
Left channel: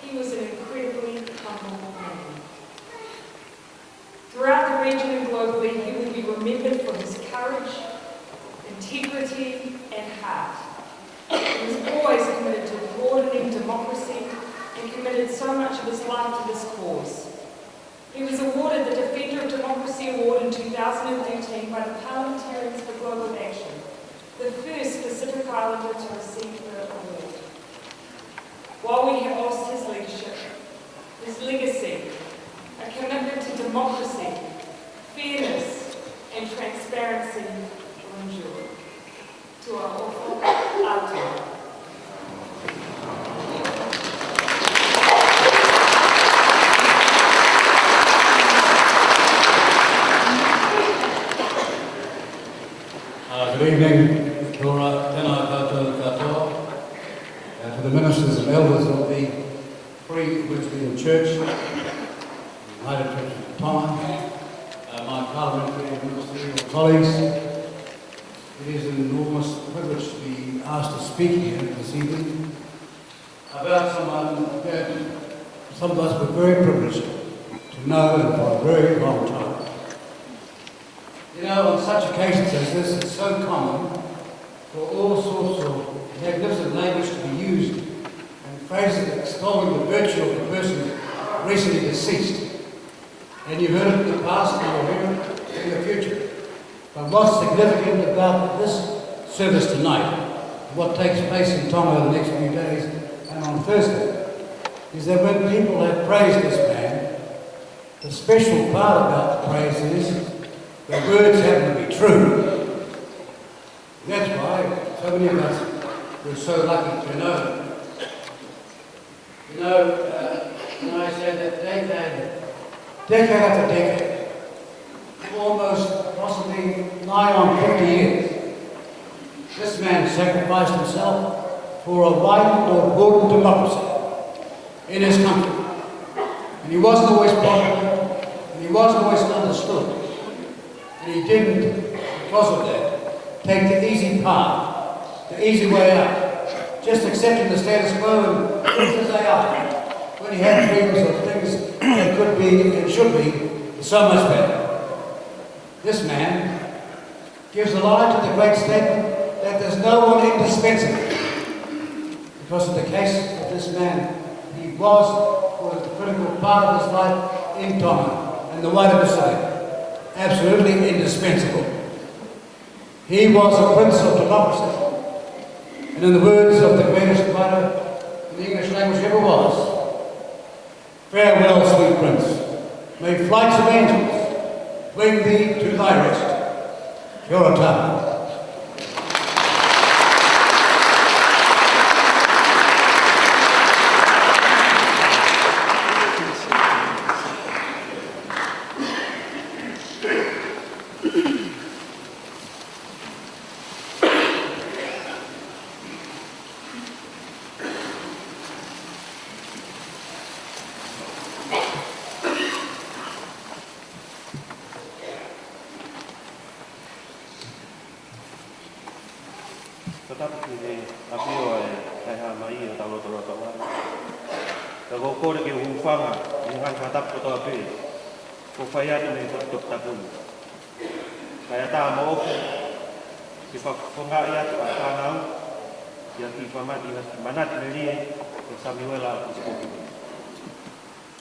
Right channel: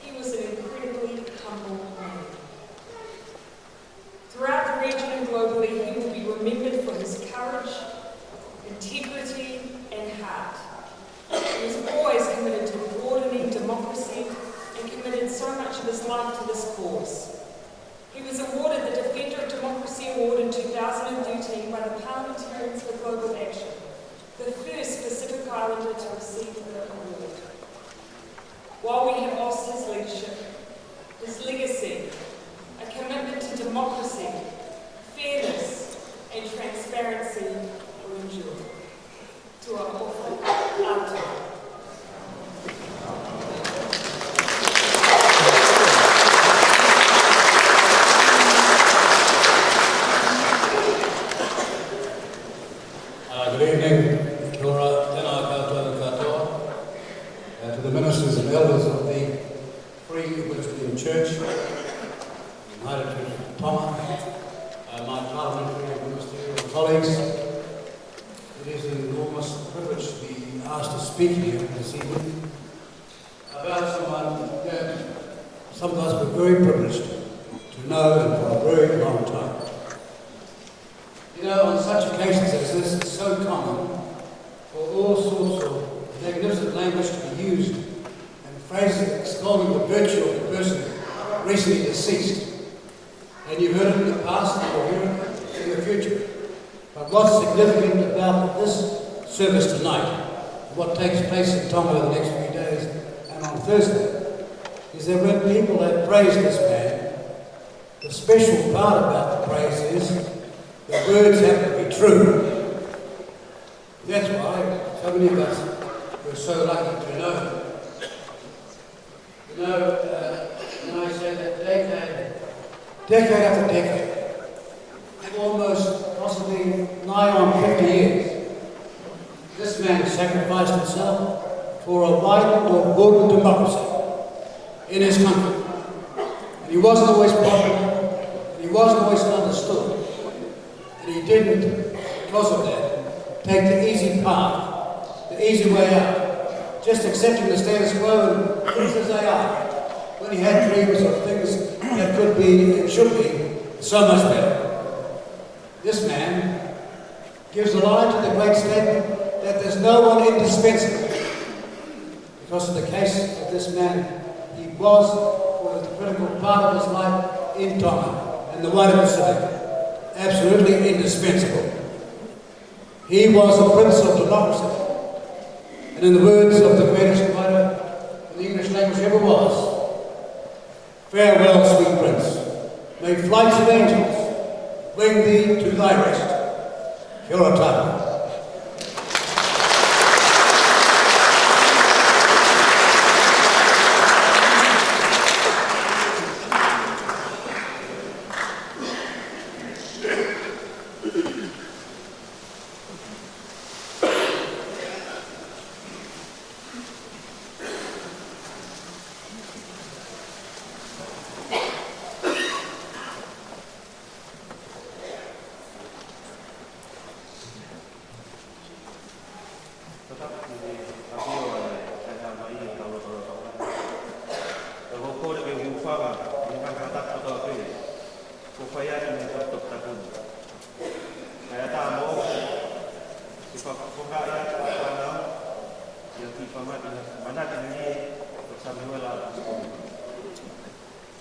He was an incredibly humble man. Throughout the region and globally, he will be remembered for his courage, integrity, and heart. He was always committed to broadening democracy and committed so much of his life to this cause. He was awarded the Defender of Democracy Award in 2013 by the Parliamentarians for Global Action, the first Pacific Islander to receive the award. While we have lost his leadership, his legacy, a commitment to democracy, fairness, and transparency will endure. To our awful Atua. Good evening, kia ora, tēnā koutou katoa, to the ministers and elders of the Free Wesleyan Church, United Church of Tonga, my parliamentary and ministerial colleagues. It is an enormous privilege to be asked to speak here this evening about someone that some of us were very privileged to know and for a very long time. You know, on such occasions as this, it's so common for all sorts of magnificent language to be used and phrases extolling the virtue of the person recently deceased. And you've heard it in the past and you'll hear it in the future. But what's significant about this service tonight, and what takes place in Tonga the next few days and on Thursday, is that when people have praised this man, the special part about the praise is the words happen to be true. And that's why so many of us were so lucky to know him. You know, when I say that decade after decade, almost possibly nigh on 50 years, this man sacrificed himself for a widened or broadened democracy in his country. And he wasn't always popular, and he wasn't always understood. And he didn't, because of that, take the easy path, the easy way out, just accepting the status quo and things as they are, when he had dreams of things that could be and should be so much better. This man gives a lie to the great statement that there's no one indispensable. Because in the case of this man, he was, for the critical part of his life, in Tonga and the wider Pacific, absolutely indispensable. He was a prince of democracy. And in the words of the greatest writer in the English language ever was, farewell, sweet prince. May flights of angels bring thee to thy rest. Kia ora tātou. Tatapu ki a pio e ha mai e talo tolo tolo. Ka go kore ke ufanga ngan tatapu to pe. Ko fai atu me ko tok tapulu. Kaya ta mo ki fa fonga ia ta nau. Ya ki fa mati manat le ri ko Samuela ko.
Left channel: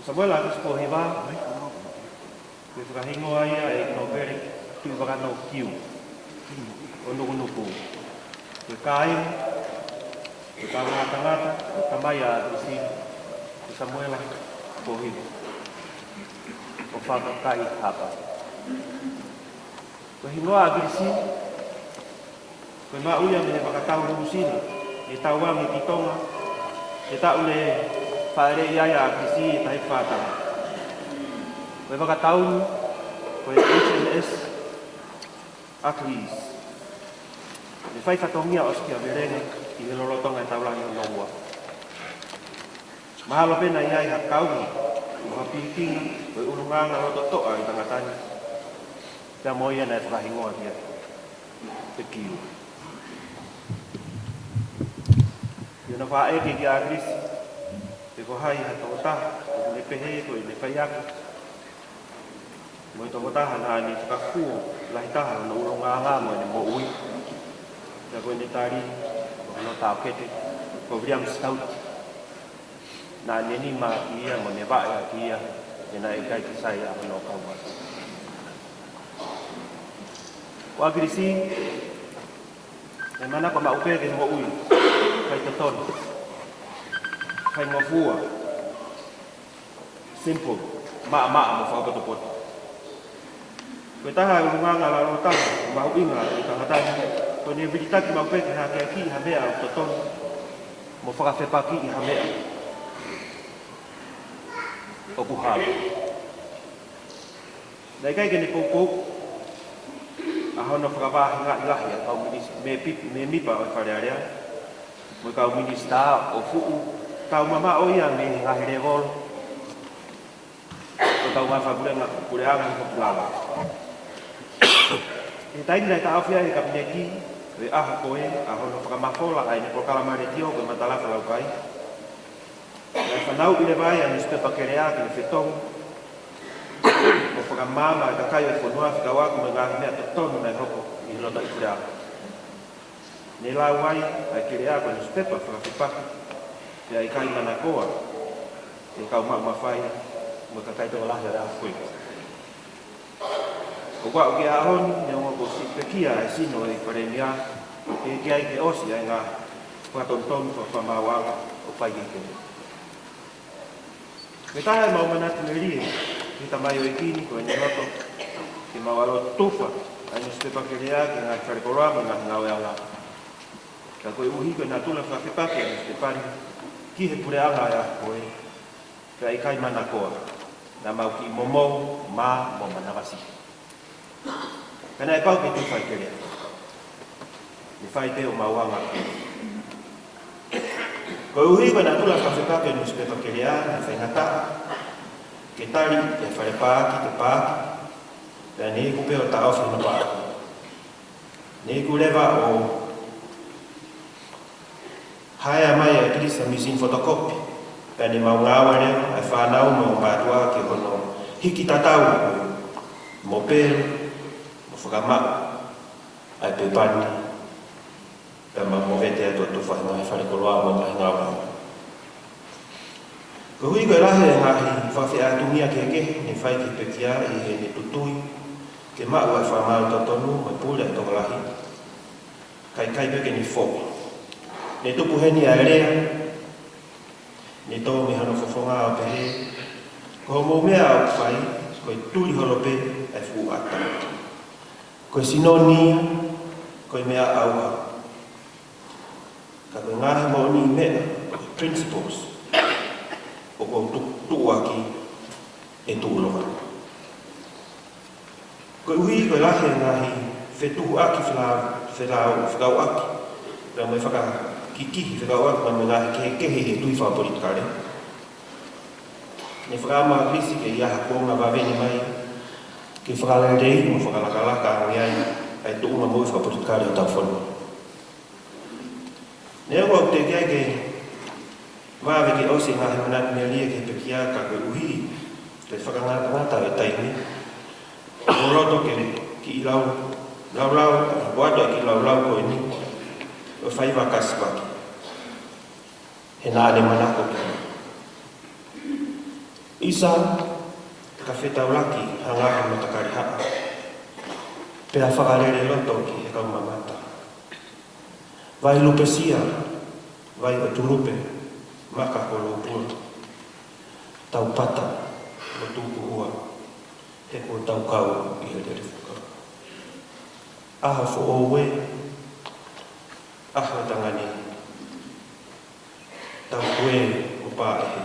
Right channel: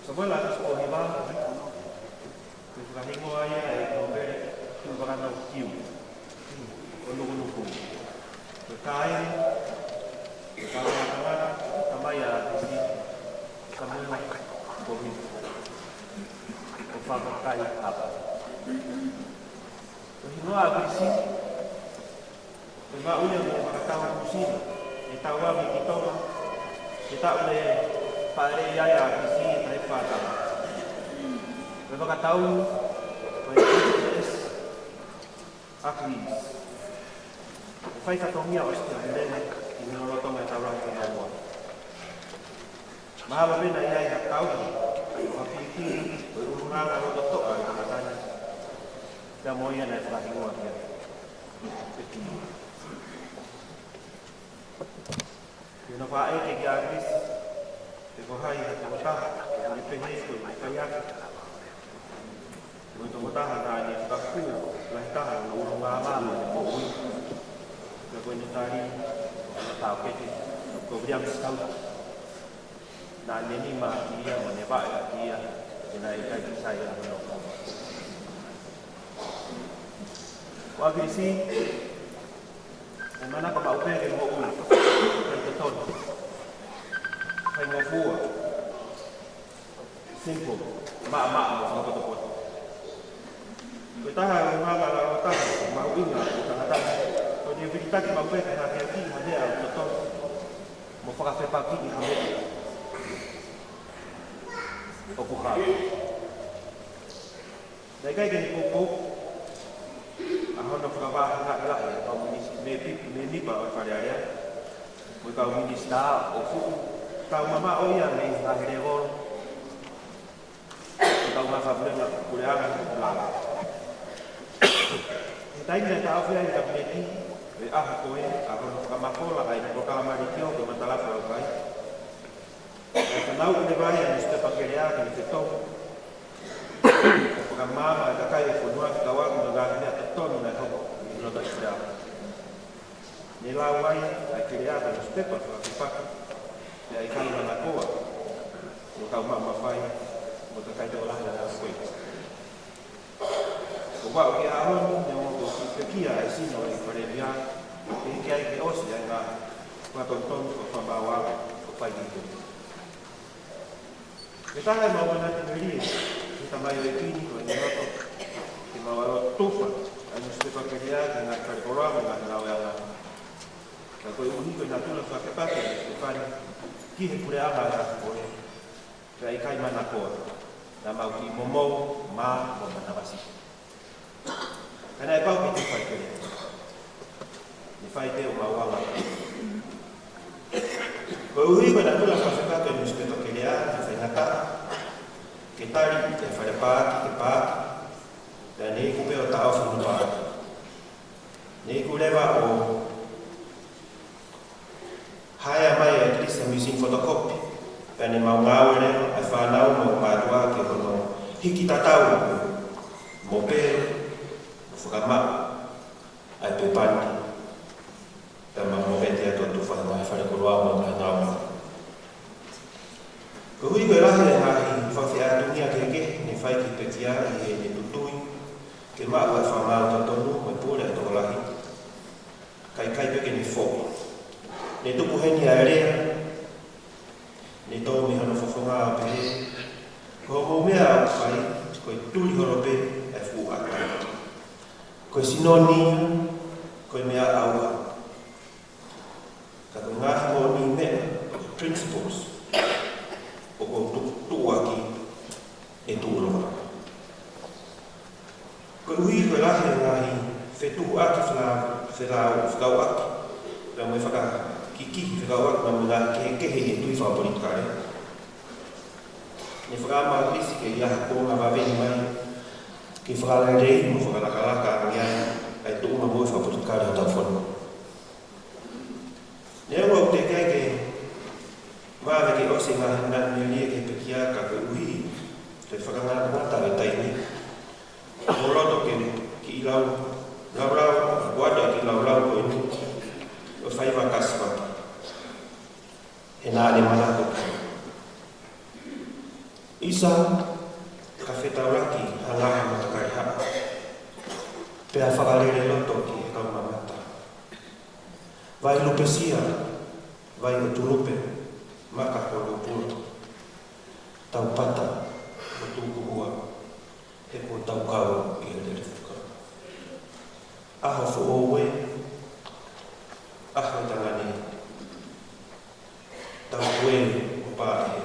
Samuela ko Pohiva. Ko fa hingo ia e no pere tu ba no kiu. Ono no ko. Ko kai ko tanga tamaya isi Samuela Pohiva. Ko FAKAFOFONGA hapa. Ko hingoa Akilisi. Ko ma uia me pakatau rusino. E tauangi ki Tonga. E tau le whaere iaia Akilisi tai whātanga. Ko e pakatau ko e HMS Akilisi. E whai whatongia oskia virenga i he lorotonga e taurangi o Nongua. Mahalo pena iai hakauri. Mga pikinga, o urungaga roto toa i tangatani. Pea moia na e whakahingoa kia. Te kiu. Iona whaeke ki Akilisi. Te kohai ha tokotaha. Me PEHEE ko i me whaiaki. Mo i tokotaha na ni whakakuo. Lahitaha na urungaga mo e ne mo ui. Pea koe ne tari. O no tau kete. Ko William Scout. Na neni ma kia o ne vae a kia e na e kai ki sai a mano kauma. O Akilisi, e mana pa maupeke mo ui, kai totono, kai ngofua, simple, maa mo whakatopoto. Koe taha e urunganga la rotaha, mau inga e tangatanga, koe ne viritaki maupeke hake a ki hamea o totono, mo whakawhepaki i hamea. O puhara. Nei kai kene popo a hono whakawahi ngā ilahi a kau me mipa o wharearea. Mo kau MINISITA o fuku. Kau mama o ia me ngā here volo. O kau mai whakurenga PULE'ANGA lala. E taini nei ta awhia e kabineti e ahu koe a hono whakamafola ai ne prokalamare tio koe matalafu lau kai. E whanau i le vai a newspaper kerea ki le whetong. O whakamama e KAKAI e FONUA whikawaku me ngāhi mea tonu nei hoko i roto i whirea. Ne lau ai ai kerea ko newspaper whakawhepaki. Pea i kai mana koa. E kau mawhai mo KAKAI tō lahi a koe. O wau ki ARDERN ne o si pekia e sino e Palemia. E ki ai ke osi ai ngā whatontonu o whamawaka o whaikikene. Me taha e maumana tueri, ki ta mai o ekini ko e ninoto, ki mawalo tufa, a newspaper kerea ki ngā karikoroa mo ngā ngau e ala. Ka koe uhi koe nā tula whakepake a newspaperi, ki he PULE'ANGA e a koe, ka i kai mana koa, na mau ki momou, mā, mo manawasi. Kana e pau ke te whai kerea. Ni whai te o mauanga. Koe uhi koe nā tula whakepake a newspaper kerea, na whainata, ke tari te wharepāki te pāki, na ne kupe o ta awhi no pāki. Ne kurewa o haea mai a Akilisi a machine photocopy, pia ne mau ngāwe reo, e whanau mo mātua ki hono hiki tatau, mo pēru, mo whakamau, ai pepani, pia mo vete atua tu whahinga e wharekoloa mo ngahi ngāwa. Ko hui koe rahe e ngahi whawhia atungia keke, ne whai ki pekia i ne tutui, ke mau ai whamau tautonu, me pule e tō lahi. Kai peke ni whoki. Ne tupu heni a rea, ne tō me hano whawhonga o PEHEE, ko mō mea au whai, koe tūri holope e whu ata. Koe sinonia, koe mea auha. Ka koe ngahi mō ni mea, koe principles, o ko tuuaki e tuuloga. Koe uhi koe lahe ngahi whetuhu aki whekau aki, pēr mai whakakikihi whekau aki ma me ngahi kehe e tui whapolitikare. Ne whakama Akilisi ke iaha konga wawene mai, ke whakalei mo whakalakalaka angiai, ai tuunga mo whapolitikare o tau whonu. Nea wau te kia ke wawe ke o se ngahi manat me lia ke pekia ka koe uhi te whakangata ngata e taini. O roto ke ki ilau lau wado ki lau koe ni o whaiwa kasipaki. He nāne manako ki. Isa ka whetauraki hangahi mo takari haa. Pea whakarere loto ki he kau mamata. Vai lupesia, vai o tulupe, maka polo pura. Tau pata, o tūku hua, he ko tau kau i le refuka. Aha fo owe, aha tangani. Tau kue o pāehe.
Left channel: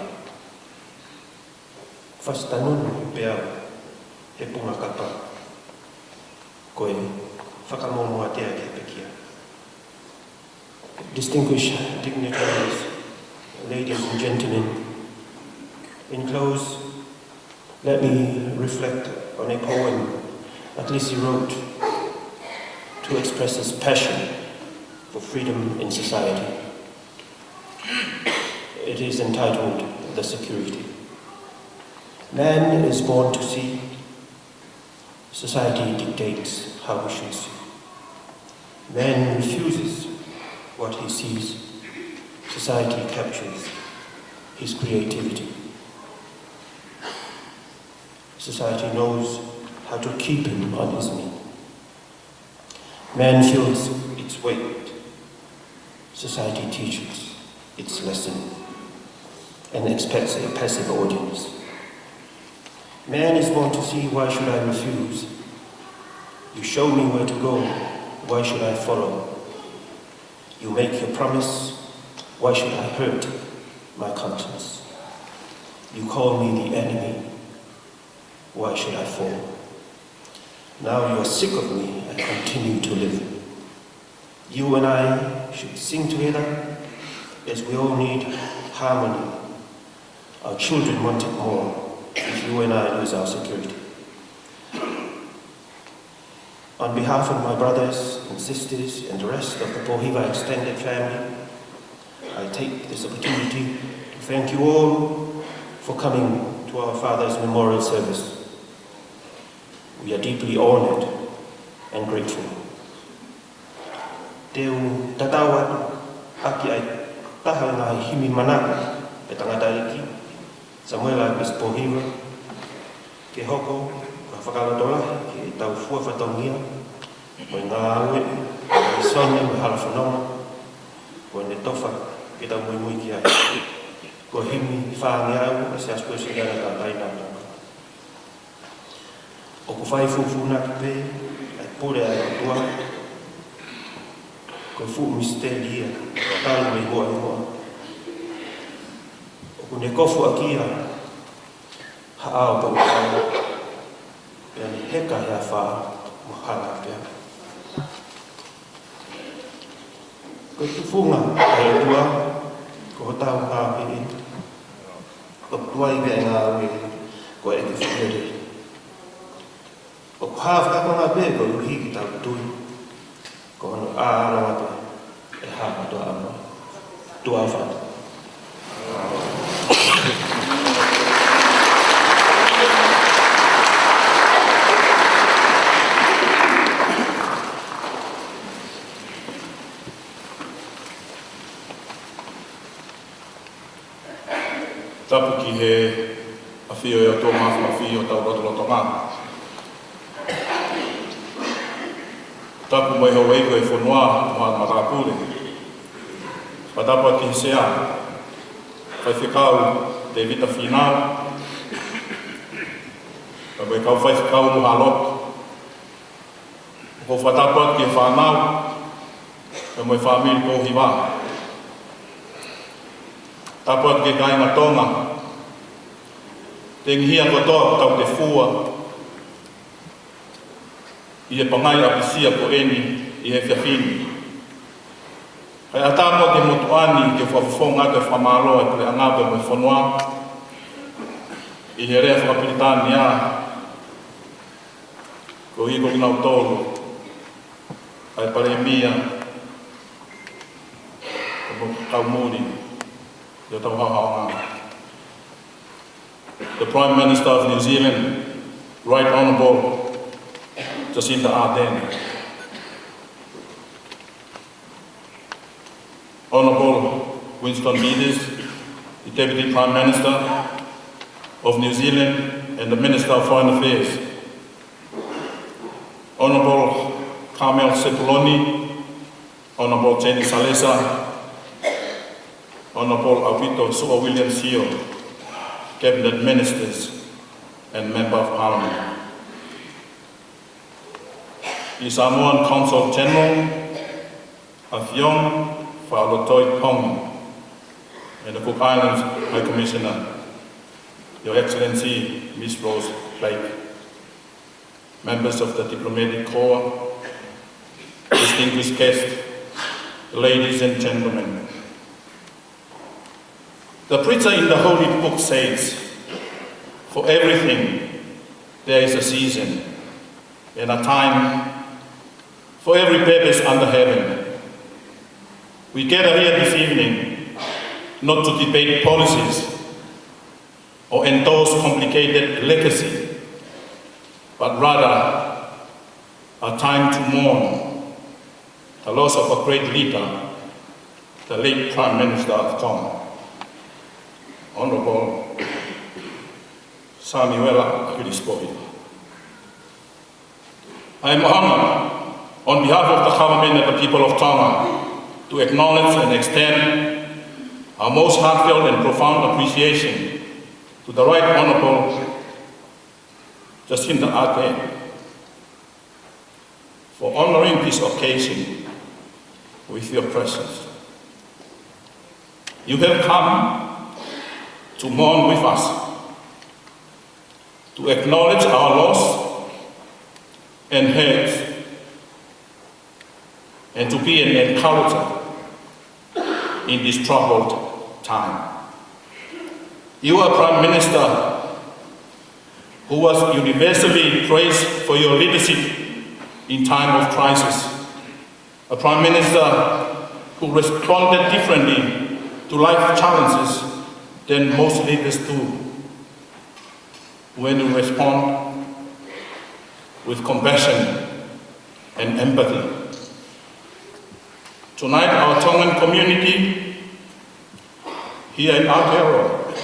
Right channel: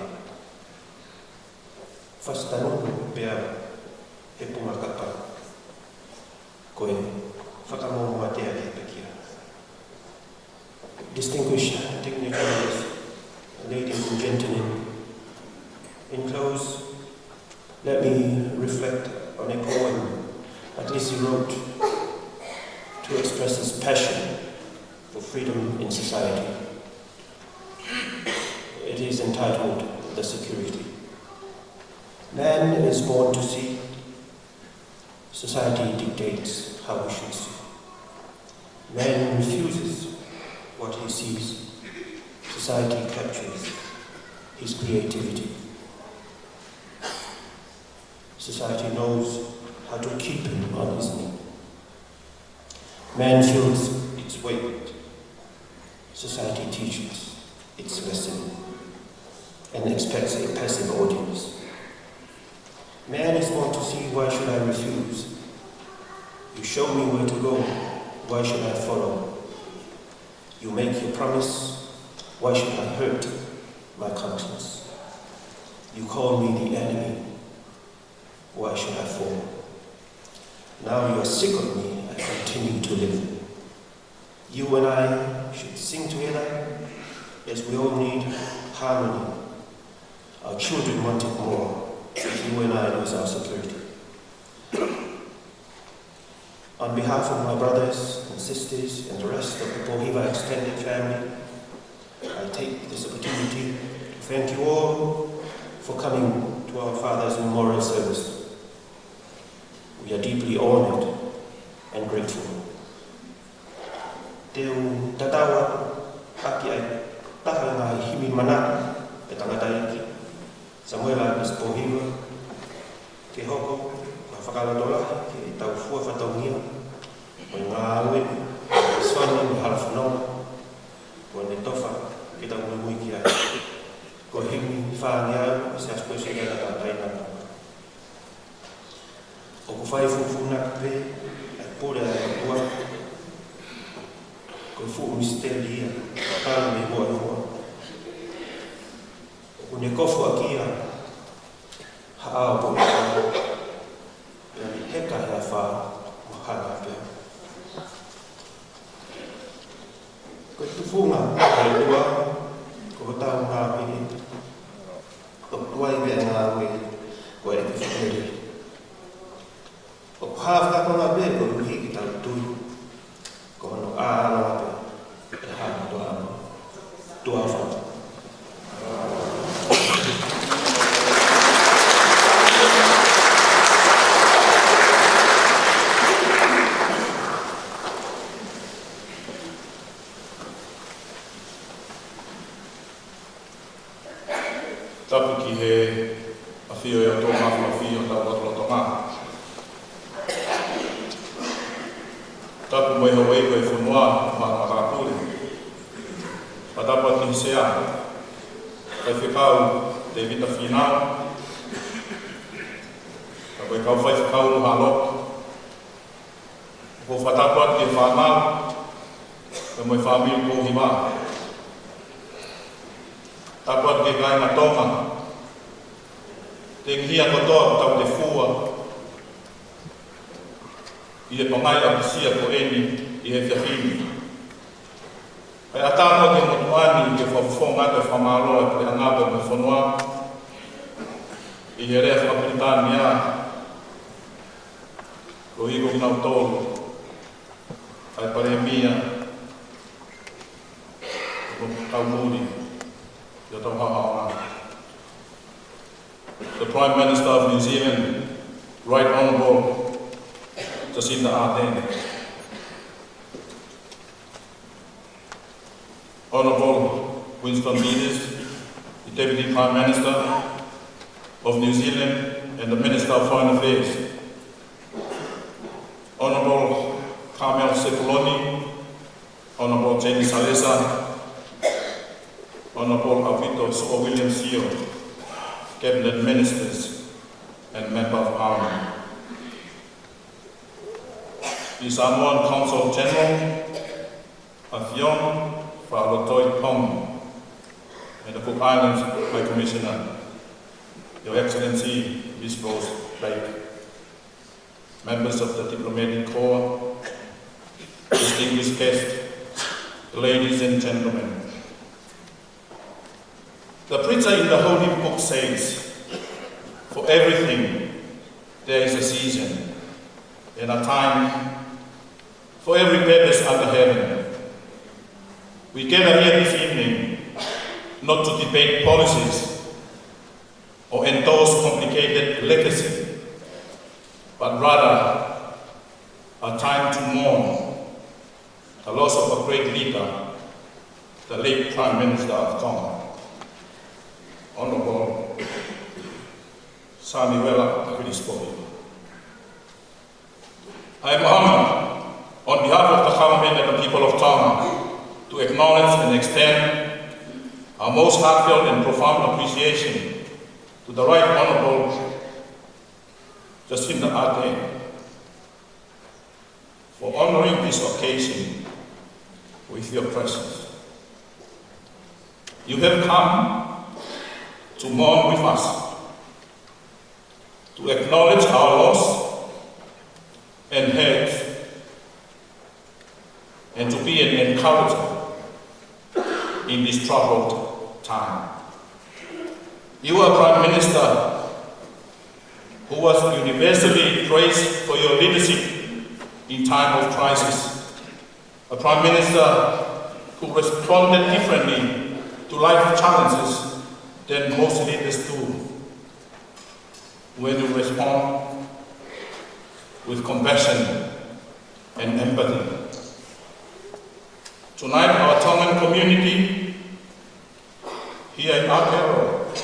Fastanunu pea he punga kapa. Koe, whakamomoa tea ke pekia. Distinguished dignitaries, ladies and gentlemen, in close, let me reflect on a poem Akilisi wrote to express his passion for freedom in society. It is entitled The Security. Man is born to see. Society dictates how we should see. Man refuses what he sees. Society captures his creativity. Society knows how to keep him on his knee. Man feels its weight. Society teaches its lesson and expects a passive audience. Man is born to see, why should I refuse? You show me where to go, why should I follow? You make your promise, why should I hurt my conscience? You call me the enemy, why should I fall? Now you are sick of me and continue to live. You and I should sing together, as we all need harmony. Our children want it more if you and I lose our security. On behalf of my brothers and sisters and the rest of the Pohiva extended family, I take this opportunity to thank you all for coming to our father's memorial service. We are deeply honored and grateful. Teu tatawa aki ai taha ngā himi mana e tangata iki, Samuel Akilisi Pohiva, ke hoko whakalotola ki tau fua whatongia, mo ngā awe, ki sone mo halafononga, ko ne tofa ki tau mui ki ai. Ko himi whaangi au, se asposi gana ka taina tonga. O ko whai fufuna ki pe, ai pore ai tua, ko fu misteria, talu me hoa hoa. O ko ne kofu akia, haao po ukai, pia ni heka hea wha mo hala pia. Ko tufunga ai tua, ko tau ngā pii, o tuai vea ngā ue, ko e ki whiere. O ko hawha ko ngā pē, ko uhi ki tau tui, ko hono āno ngā pē, e hāka tua amo, tua whanu. Tapu ki he awhio e o tō mafu awhio tau loto ngā. Tapu mai hau eiko e FONUA mā matapure. Patapu ati he sea. Kai whikau te vita whinau. Ka mai kau whai whikau no halok. Ko whatapu ati he whanau. Ka mai whamiri Pohiva. Tapu ati ke kai ngā Tonga. Te ngihia kotoa tau te fua. I e pangai apisia po eni i he whiawhini. Kai atamo te motuani ke whawhonga te whamaloa te angau me FONUA. I he rea whakapiritani a. Ko hiko i nau tolu. Kai Palemia. the Prime Minister of New Zealand, Right Honourable JACINDA ARDERN, Honourable WINSTON, the Deputy Prime Minister of New Zealand and the Minister of Foreign Affairs, Honourable Carmel Sepuloni, Honourable Jenny Salesa, Honourable Alvito Sua William Sio, Cabinet Ministers and Member of Parliament, the Samoan Consul General, Athiong Whaalotoi and the Cook Islands High Commissioner, Your Excellency Ms. Rose Blake, members of the Diplomatic Corps, distinguished guests, ladies and gentlemen. The preacher in the Holy Book says, for everything there is a season and a time for every purpose under heaven. We gather here this evening not to debate policies or endorse complicated legacy, but rather a time to mourn the loss of a great leader, the late Prime Minister of Tonga, Honourable Akilisi Pohiva. I am honoured on behalf of the government and the people of Tonga to acknowledge and extend our most heartfelt and profound appreciation to the Right Honourable JACINDA ARDERN for honouring this occasion with your presence. You have come to mourn with us, to acknowledge our loss and hurt, and to be an encourager in this troubled time. You are Prime Minister who was universally praised for your leadership in time of crisis. A Prime Minister who responded differently to life challenges than most leaders do. When you respond with compassion and empathy. Tonight, our Tongan community here in Aotearoa,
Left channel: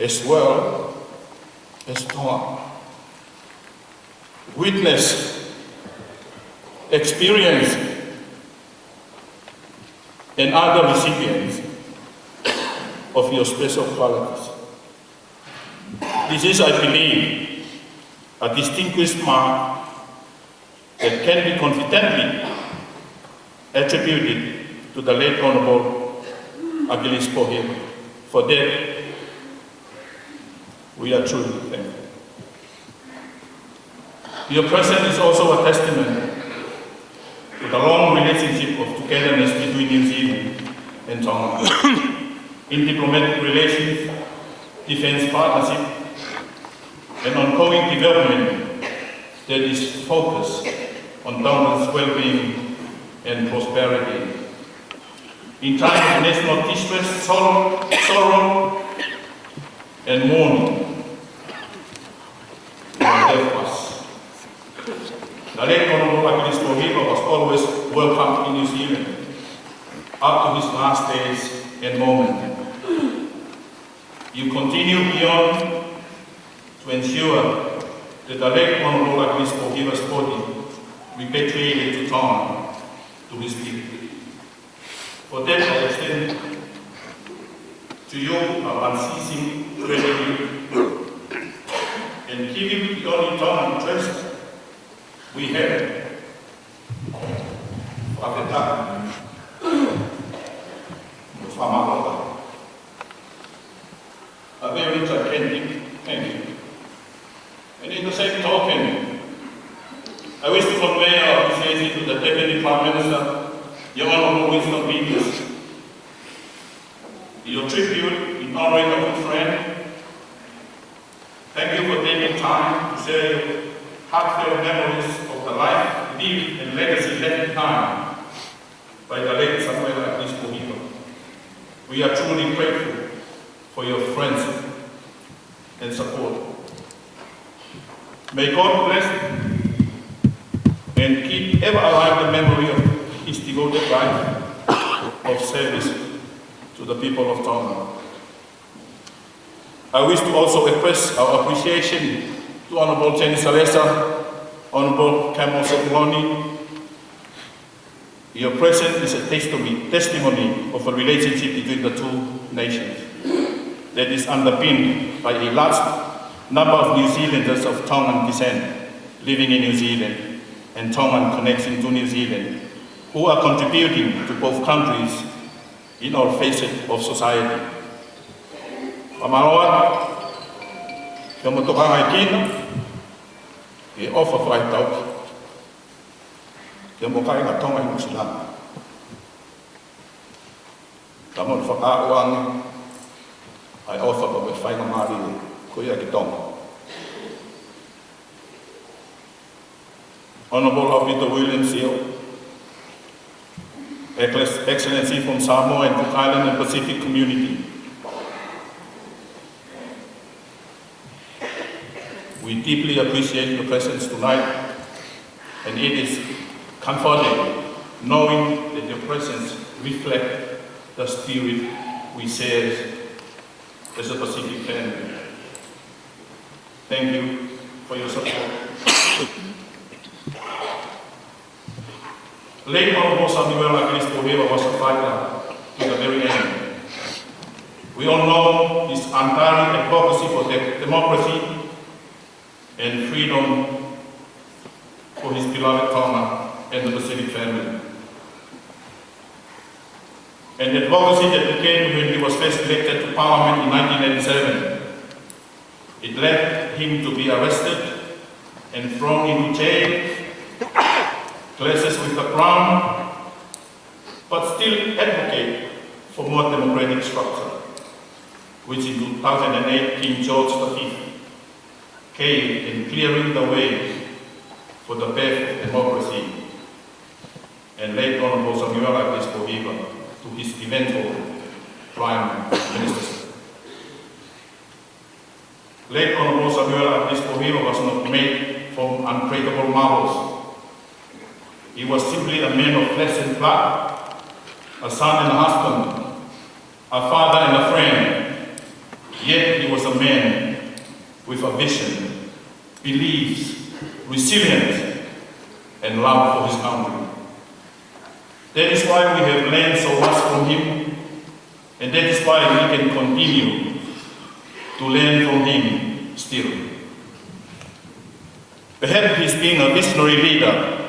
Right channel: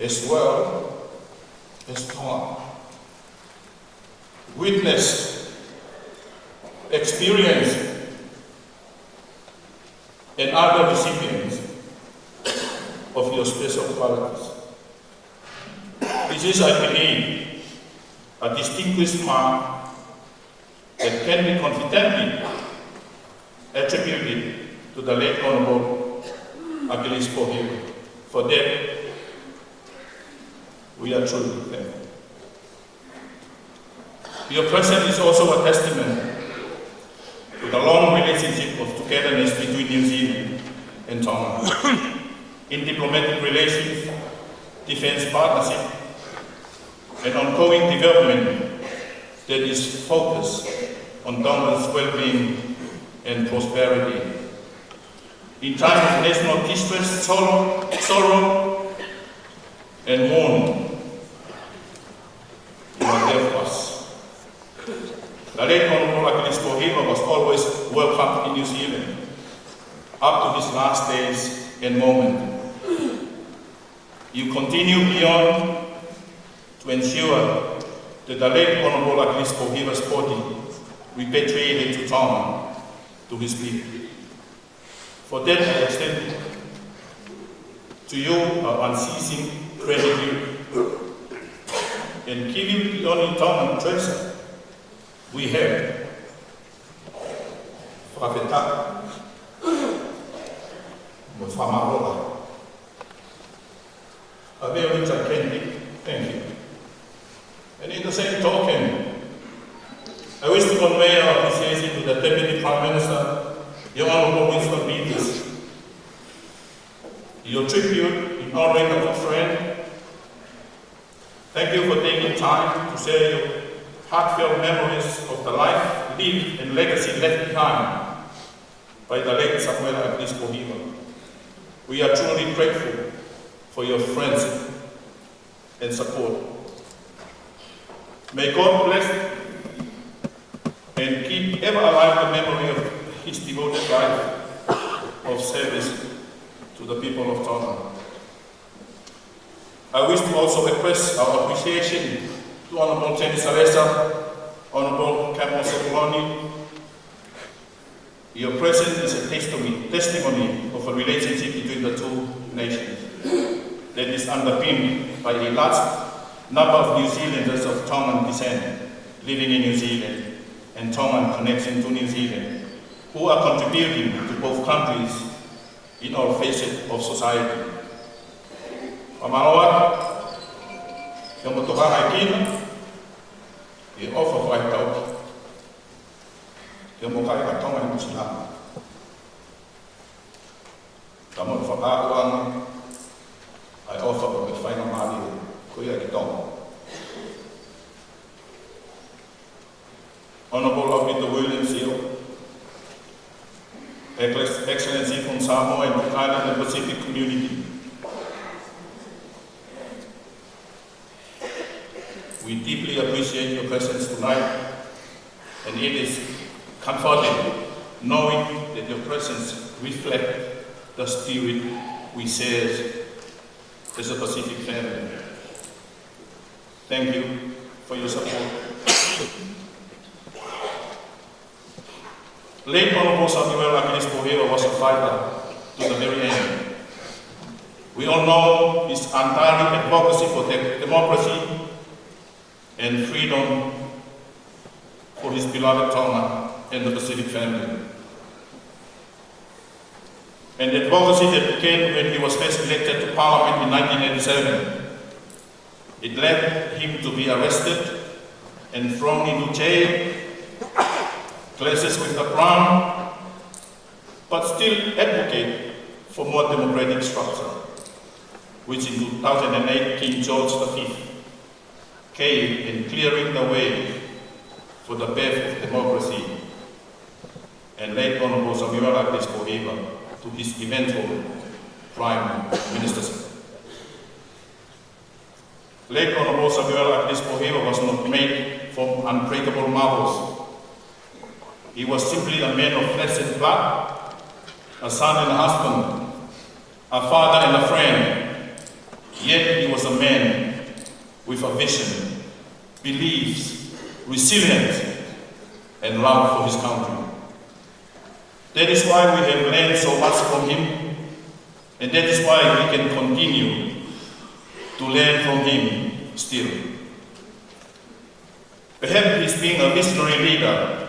as well as Tonga, witness, experience, and other recipients of your special qualities. This is, I believe, a distinguished mark that can be confidently attributed to the late Honourable Akilisi Pohiva. For that, we are truly thankful. Your presence is also a testament to the long relationship of togetherness between New Zealand and Tonga in diplomatic relations, defence partnership, and ongoing development that is focused on Tonga's well-being and prosperity. In time of national distress, sorrow, and mourning, you are there for us. The late Honourable Akilisi Pohiva was always welcomed in New Zealand, up to his last days and moment. You continue beyond to ensure that the late Honourable Akilisi Pohiva's body repatriated to Tonga, to his people. For that, I extend to you our unceasing gratitude and give you the only Tongan treasure we have, Fakafeta'I, a very rich thank you. And in the same token, I wish to convey our appreciation to the Deputy Prime Minister, the Honourable WINSTON. Your tribute in honouring a good friend. Thank you for taking time to share your heartfelt memories of the life, lived, and legacy left behind by the late Akilisi Pohiva. We are truly grateful for your friendship and support. May God bless and keep ever alive the memory of his devoted life of service to the people of Tonga. I wish to also express our appreciation to Honourable Jenny Salesa, Honourable Campbell Sepuloni. Your presence is a testimony of a relationship between the two nations that is underpinned by a large number of New Zealanders of Tongan descent living in New Zealand and Tongan connection to New Zealand, who are contributing to both countries in all facets of society. Whamaloa, kia motokanga I kina, e ofa whai tauki. Kia mokai ka Tonga I Musilana. Ta mo whakaoanga, ai ofa pa me whainga maari ko ia ki Tonga. Honourable Peter Williams here, Excellency from Samoa and Cook Island and Pacific Community. We deeply appreciate your presence tonight, and it is comforting knowing that your presence reflects the spirit we share as a Pacific family. Thank you for your support. Late Honourable Samuel Akilisi Pohiva was a fighter to the very end. We all know his untiring advocacy for democracy and freedom for his beloved Tonga and the Pacific family. An advocacy that began when he was first elected to Parliament in 1987. It led him to be arrested and thrown into jail, clashes with the Crown, but still advocate for more democratic structure, which in 2008 King George V came in clearing the way for the birth of democracy, and late Honourable Samuel Akilisi Pohiva to his eventual Prime Ministership. Late Honourable Samuel Akilisi Pohiva was not made from unbreakable marbles. He was simply a man of flesh and blood, a son and a husband, a father and a friend. Yet he was a man with a vision, beliefs, resilience, and love for his country. That is why we have learned so much from him, and that is why we can continue to learn from him still. Perhaps his being a visionary leader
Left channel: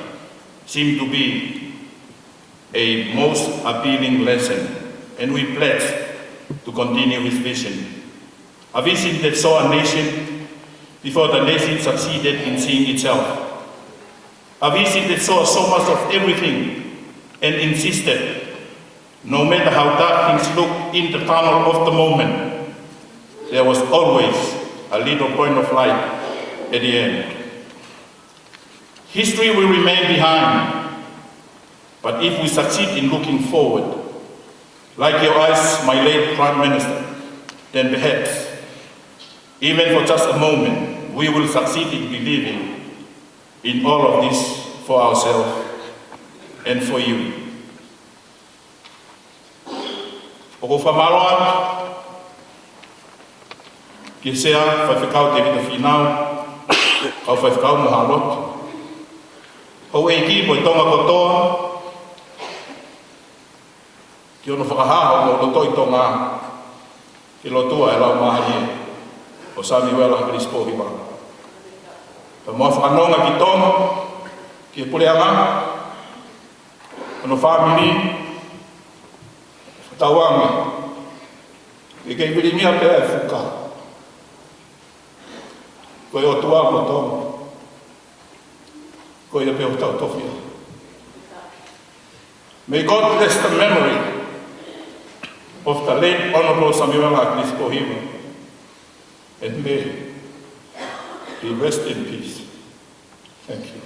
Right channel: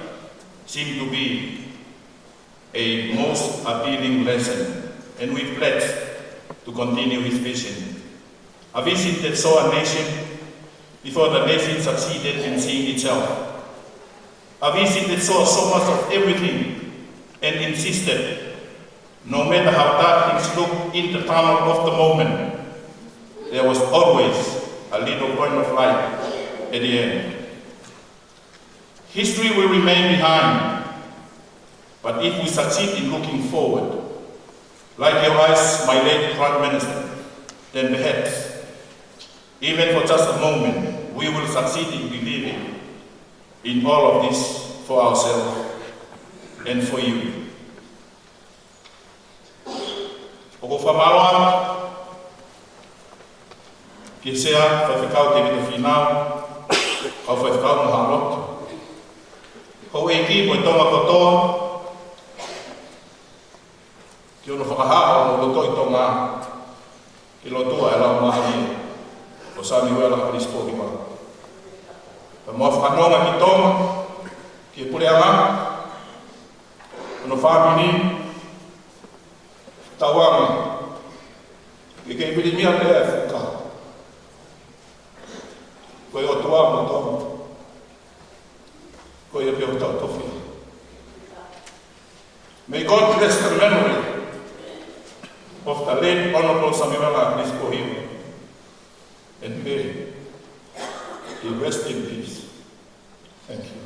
seemed to be a most appealing lesson, and we pledge to continue his vision. A vision that saw a nation before the nation succeeded in seeing itself. A vision that saw so much of everything and insisted, no matter how dark things looked in the tunnel of the moment, there was always a little point of light at the end. History will remain behind, but if we succeed in looking forward, like your eyes, my late Prime Minister, then perhaps, even for just a moment, we will succeed in believing in all of this for ourselves and for you. Oko whamaroa, ki sea whaiwhakau te vita whinau, kau whaiwhakau no halotu. Hau e ki mo I Tonga kotoa, ki ono whakahaho mo loto I Tonga, ki lotua e lau mahaie, o Samuel Akilisi Pohiva. Pa mua whakanonga ki Tonga, ki PULE'ANGA, ono whamiri, tauanga, ki kei pirimia pēa e whuka. Koe o tua mo Tonga. May God bless the memory of the late Honourable Samuel Akilisi Pohiva, and may he rest in peace. Thank you.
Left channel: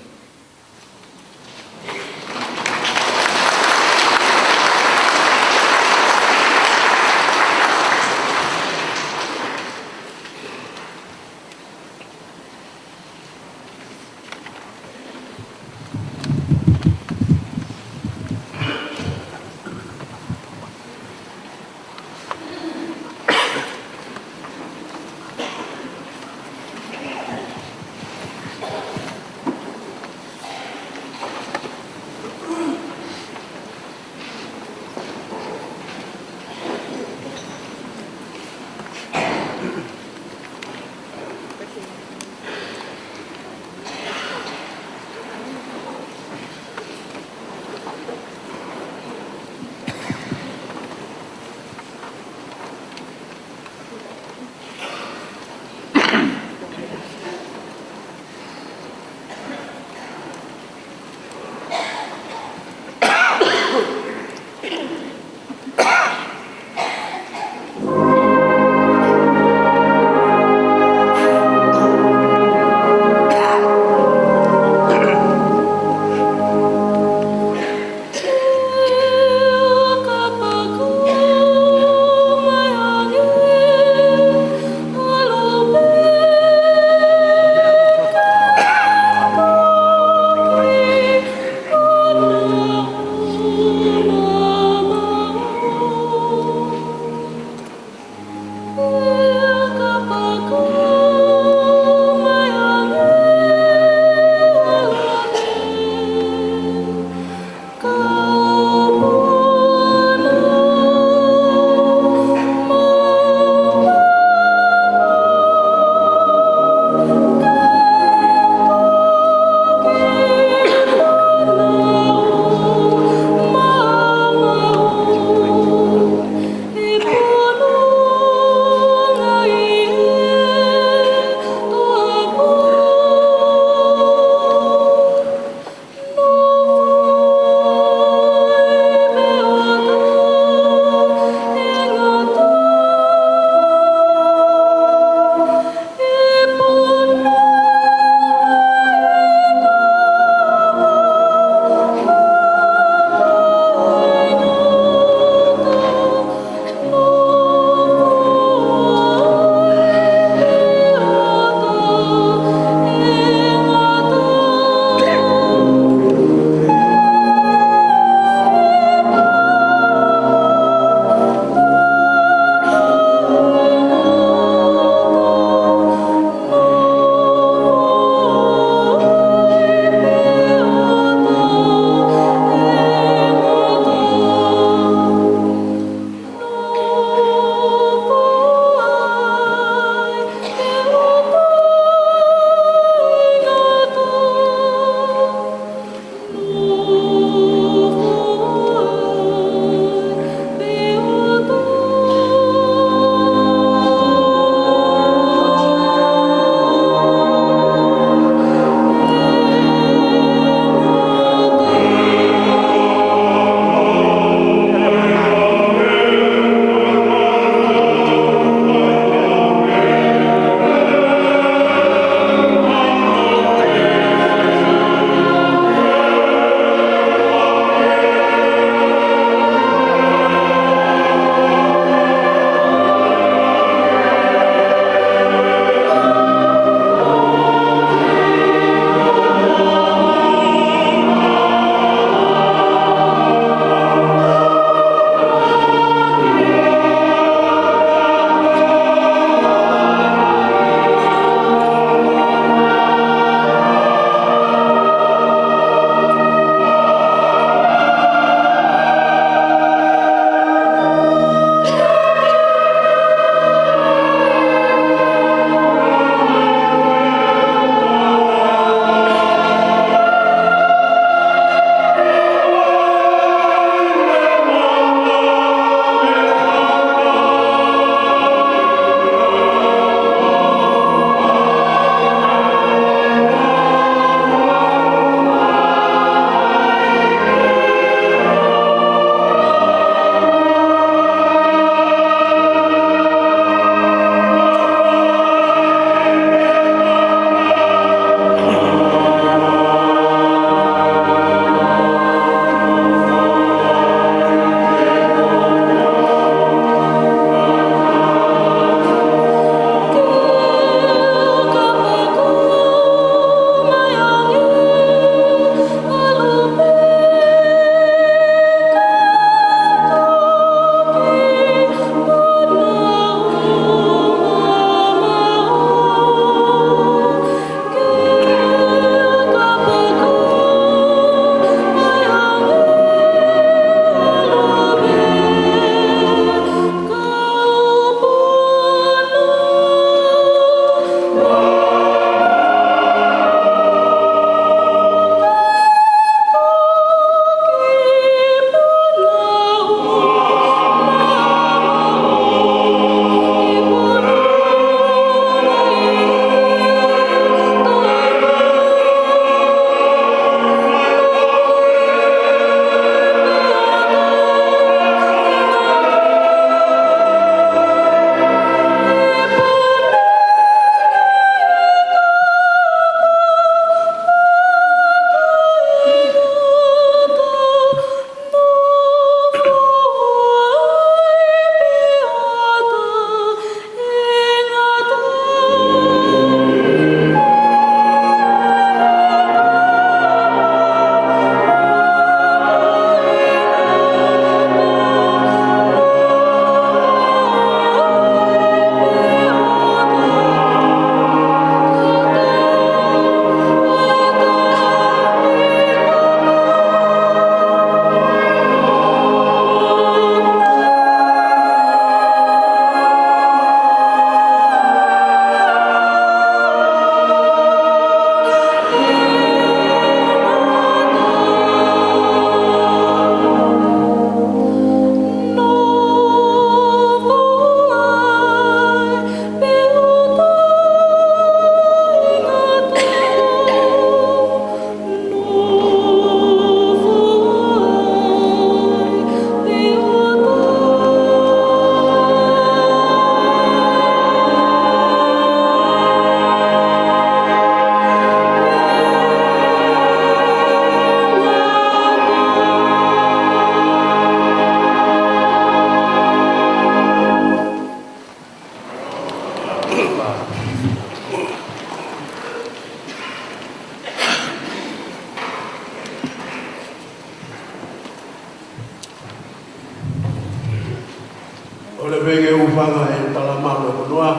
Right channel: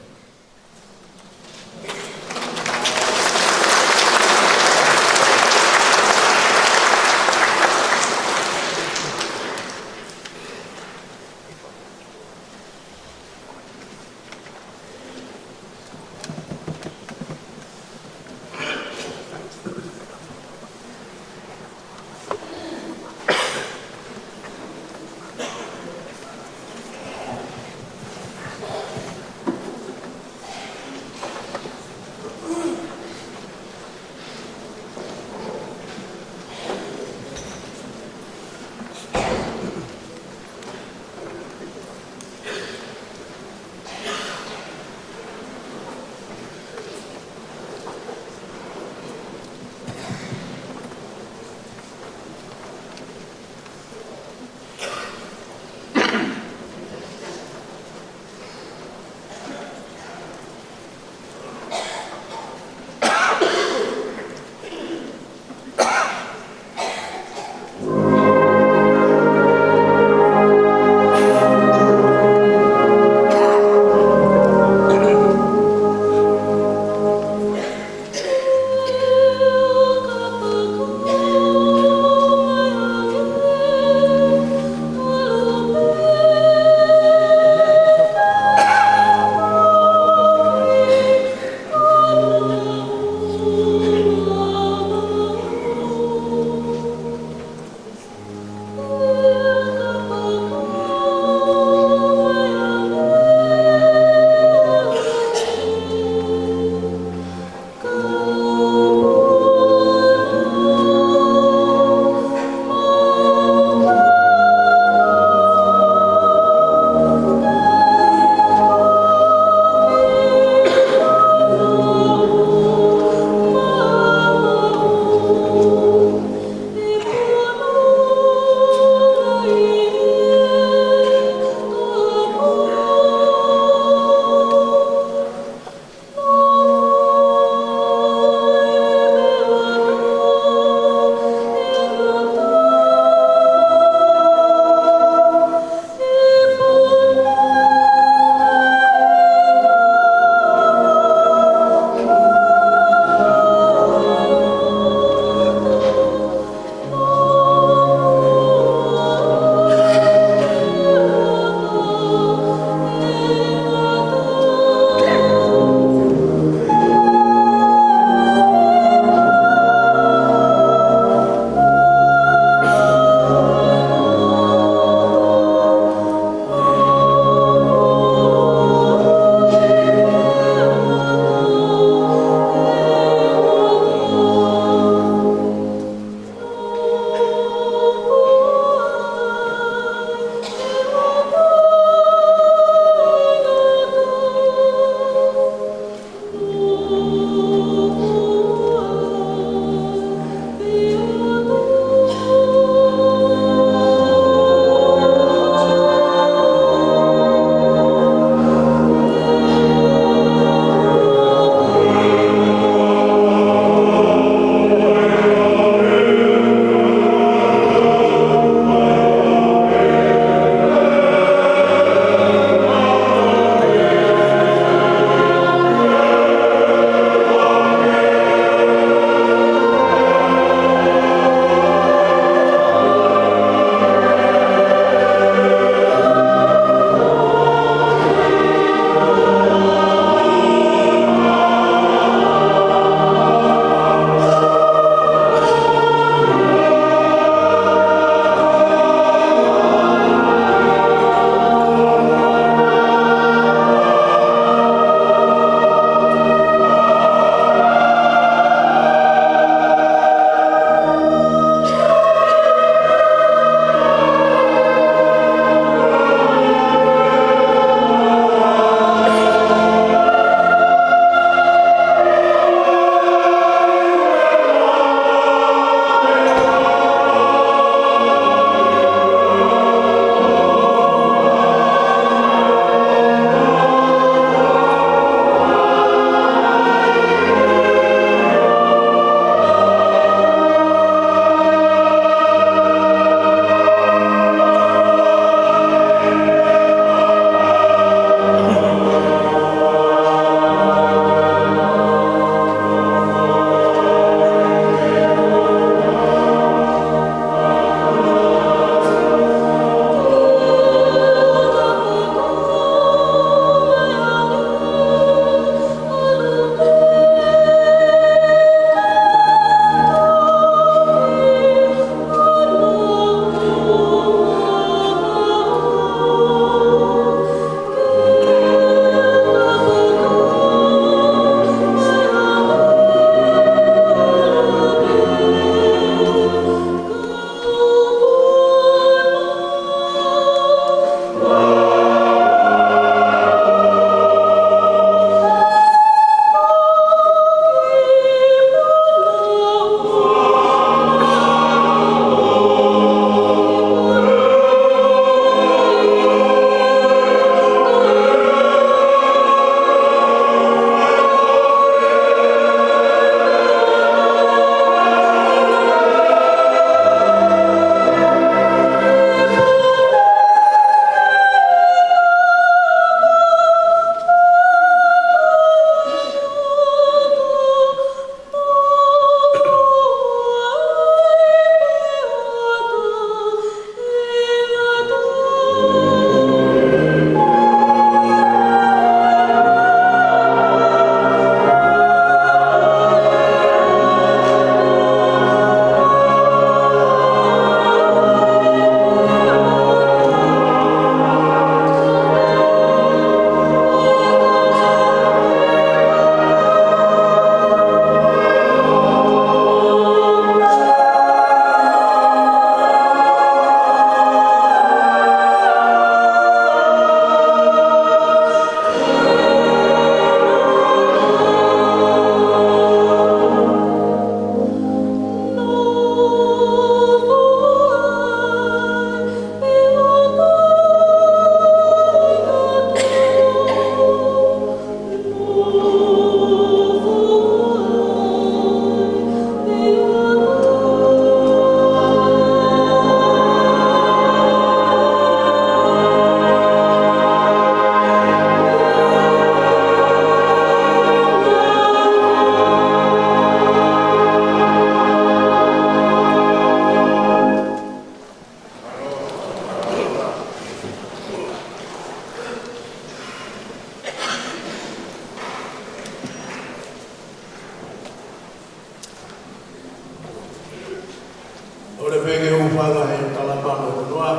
Ora vege ufanga e Palemia FONUA.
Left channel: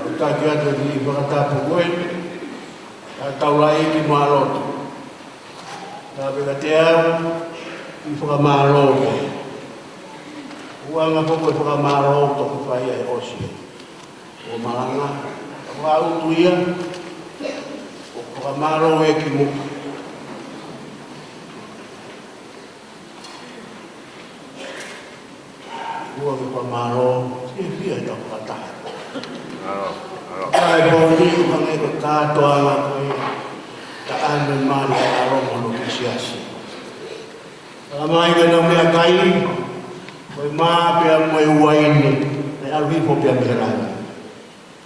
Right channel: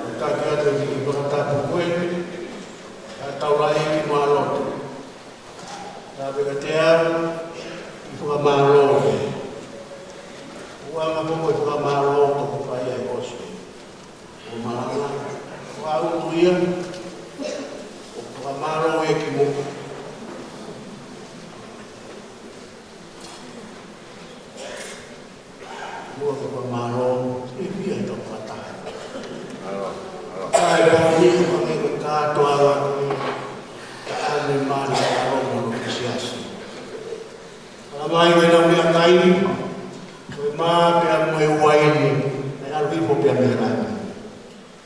Au taki atu ki whakatapu koe. A taulai ki Lotu. Tā peka te au i whakamāro koe. Uanga koko e whakamāro toku whai ai osi. O malanga. O au tuia. O whakamāro e ki muka. Ua ke whamaro, e whia i tau whakataha. Kai pōni, hange ko kātoa la koe, ka ane mani a romono ki SIASI. Ka mai ke nau mea kai, koe mā pia moe waini, nei aluhipo pia mea rai.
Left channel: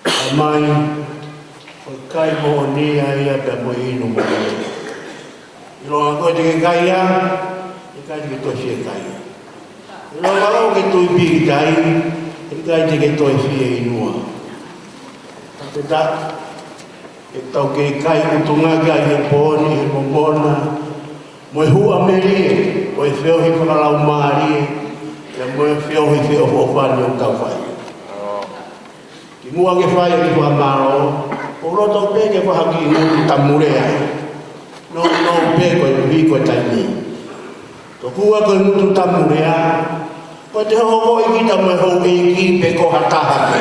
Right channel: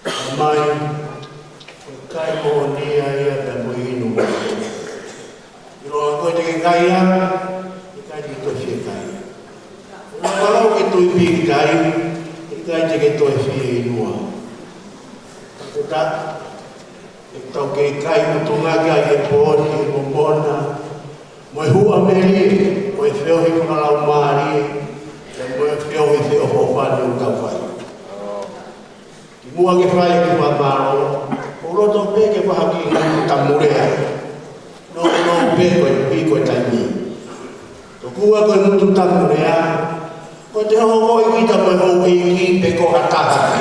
Ka mai, koe kai pōni a ia pia moe inu moe. I roa koe te ke kai a, i kai te ke tosi e kai a. Ilo malau ke tui piki tai, e kai te ke toi fie inua. Te ta, e tau ke kai utunga kai e pōni, e momona, mo e hua meri, o e whiohi whakalau maari, e mo e whiohi whio whopani o tau whai. Ki mua ke whai e ki whamaro, o roto pe ke whahaki ingu tamurea, no pe koe muhi koe taimi. To kua koe mutu tamurea, koe te hoho i kita mai hou i ki pe ko hataha.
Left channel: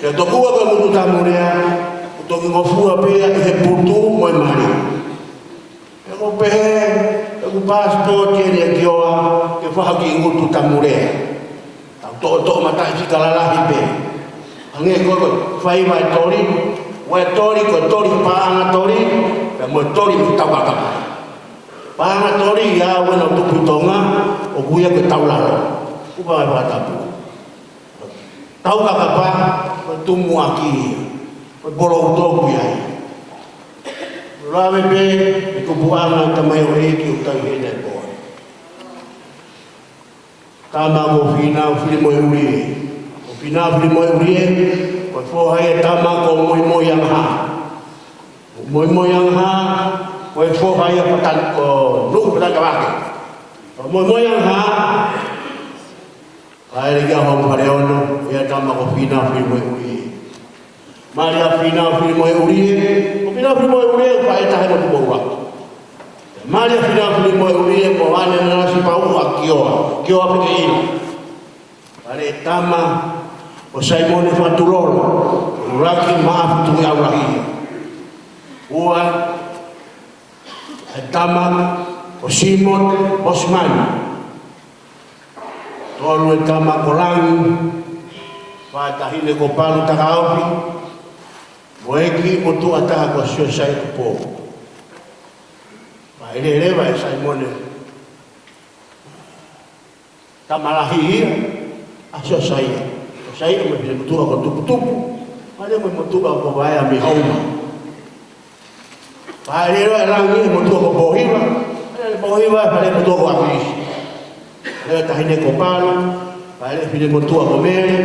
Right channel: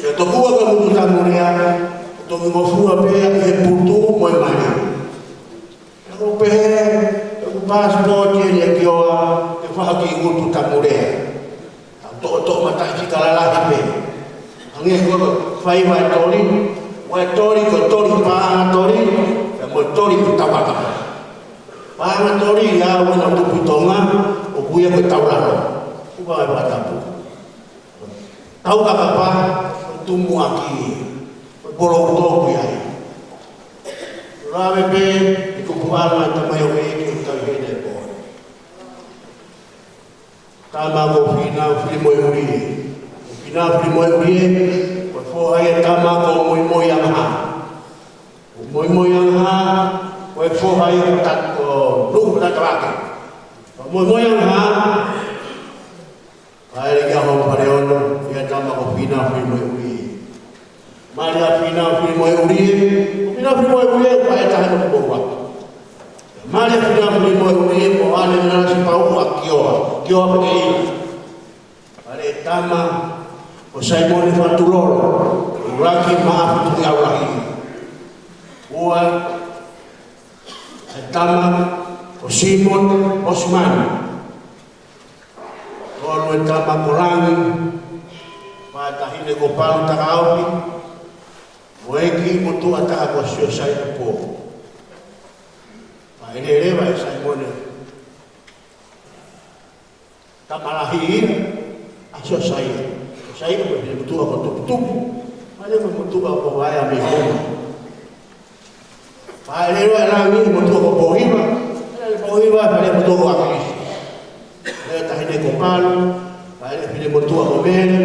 Kia tokua ka mutu tamurea, o toki ngofua pea i he putu moi mari. Kia ko PEHEE, kia ko passport i e ki oa, ke whahaki i mutu tamurea. Tau tō matai si kalalahi pe. Hange koe whai wai tori, wai tori koe tori paanga tori, kia mo tori i tawakama. Paanga tori ia wena OTUTONGA, o kuia ke taularo. Upa mai whakatapu. Tau kakapa, koe tumu aki, koe bolo utoku iai. Rawe pe, e kupuanga tamai o eiki o tai hene e koe. Tama ko whina o whiri moe urie. O whina o whiri moe urie, koe whohai e tama ko moi moi angha. O moi moi angha, koe whohai e patanko nuku patakawake. O moi moi angha, kaere kia hong pare ono, ia tama ko whina o whiri moe urie. Mari a whina o whiri moe urie, o whina o whiri moe urie, o pae tahe mo tupo watu. Mari a whina o whiri moe urie, mo ane nasi pau a kioa peke ina. Pare tama, o Saimone Fatulolo, uraki maafutu i aurahia. Ua, e tama, o Simon Osmani. Tolu e tama kolangi, whaetahine ko palu takaupi, mo eki mo tua taha ko sio sai te pō. Ma ele rewa e Saimone, tamalahi ia, a sio sai. Sai ko me pile mutua ko tupu-tupu, ma le mo mutua ko vai a mi hauma. Pa ele rewa e rangi mo mutua ko Pohiva, ele Pohiva pa le mutua ko Akilisi. Leo tahine ko palu, pale pile motua ko mere,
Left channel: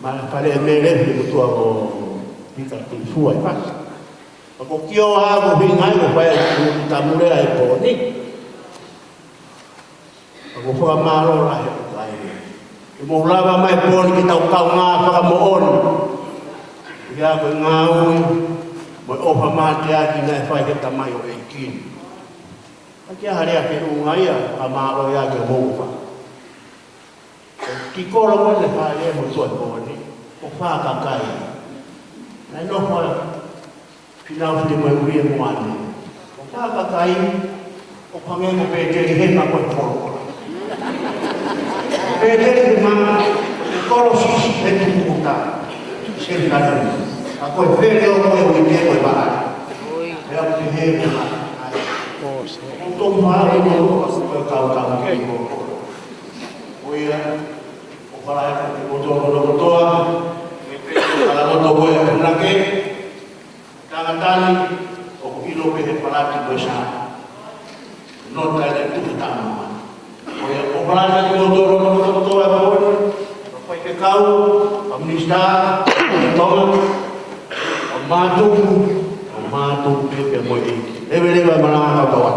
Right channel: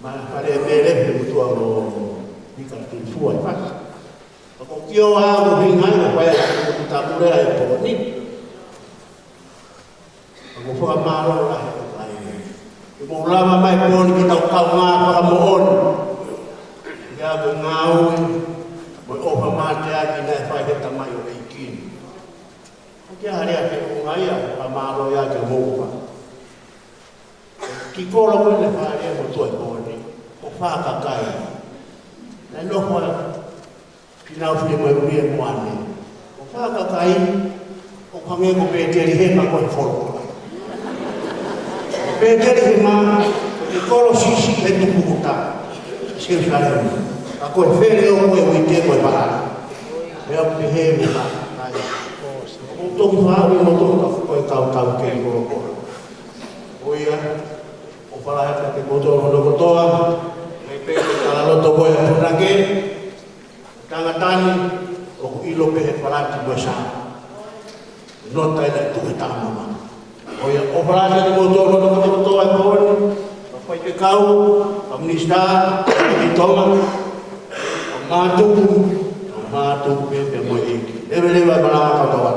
ma pale mere pile motua ko pika tifua i pas. Ko kio a ko hingai ko pai ko tamurea e poni. Ko fa maro la he kai. Ki mo lava mai poni ki tau kau nga pa mo on. Ya ko ngau mo o fa mate a ki na fa ke tamai o eikin. Kia harea ke ungai a maro ia ke mouwa. Ki koro mwene harea mo tue koni, o whakakai. Nai noho pinau white mo uri e moane. O whakakai, o pange ko pēteri hema koe whorokora. O pēteri hema, o ki koro sisi e tukukuta, se whanema. A koe where o koe uite koe bahari. Pea PEHEE mo whakakai. O toku whaare mo toku ka koe kau kei kōkora. O ia, o whalaheka te kotoa, me pēke kala roto koe a punake, tangatani, o ku ilo pehe palati koe sa. Nota ina tuku tāma ma. O ia, o whalaheka te kotoa e kōne, o pai ke kau, a MINISITA, a Tonga, a mātuku pepe mo eiki. Lewe e malanga kau tawat.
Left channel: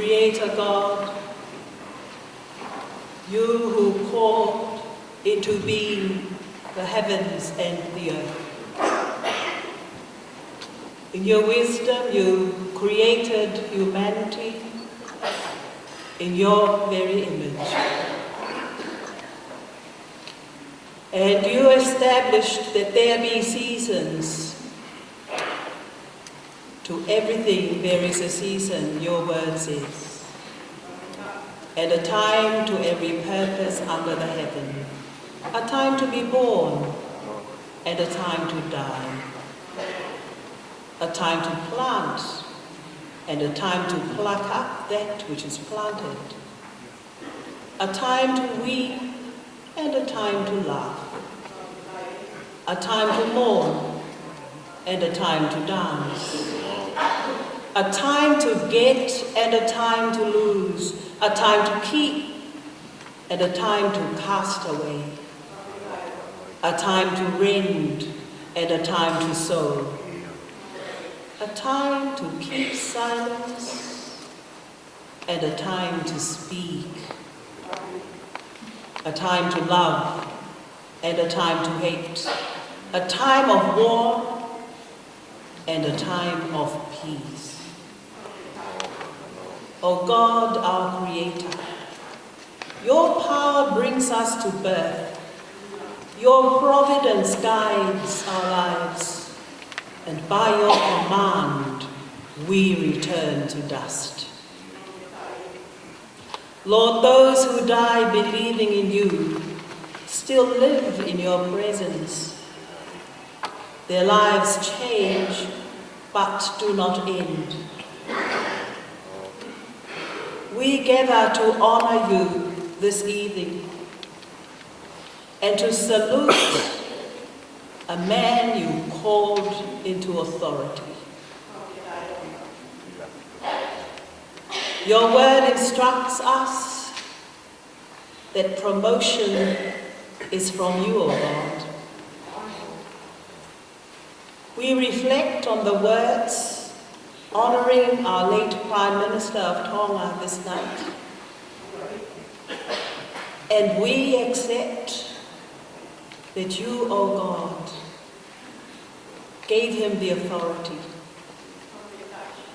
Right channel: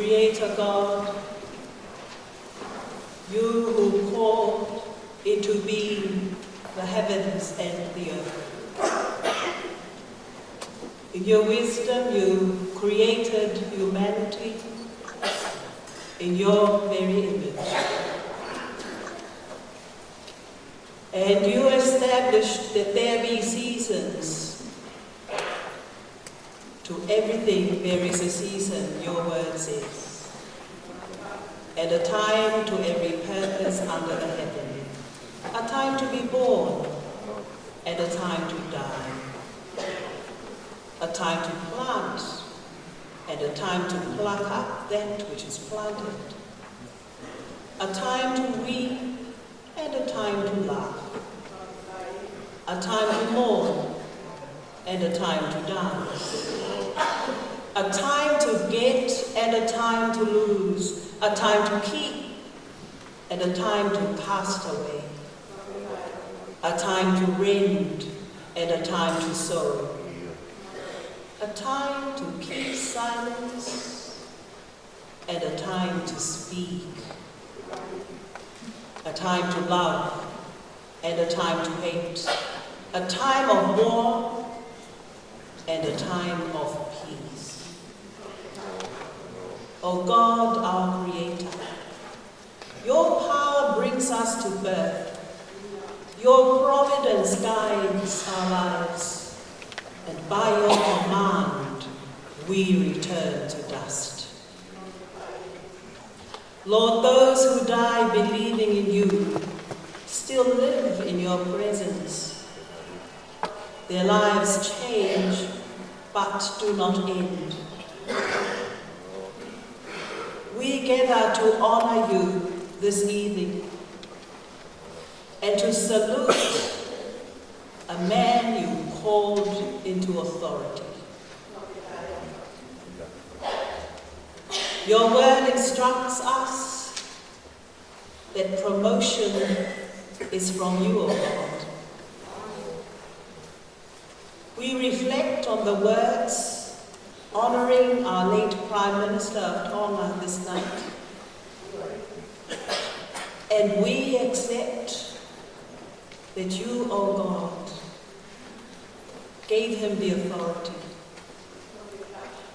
Creator God, you who called into being the heavens and the earth. In your wisdom, you created humanity in your very image. And you established that there be seasons. To everything there is a season, your word says. And a time to every purpose under the heaven. A time to be born and a time to die. A time to plant and a time to pluck up that which is planted. A time to weep and a time to laugh. A time to mourn and a time to dance. A time to get and a time to lose. A time to keep and a time to cast away. A time to rend and a time to sow. A time to keep silence and a time to speak. A time to love and a time to hate. A time of war and a time of peace. O God, our Creator, your power brings us to birth. Your providence guides our lives, and by your command, we return to dust. Lord, those who die believing in you still live in your presence. Their lives change, but do not end. We gather to honor you this evening and to salute a man you called into authority. Your word instructs us that promotion is from you, O God. We reflect on the words honoring our late Prime Minister of Tonga this night, and we accept that you, O God, gave him the authority.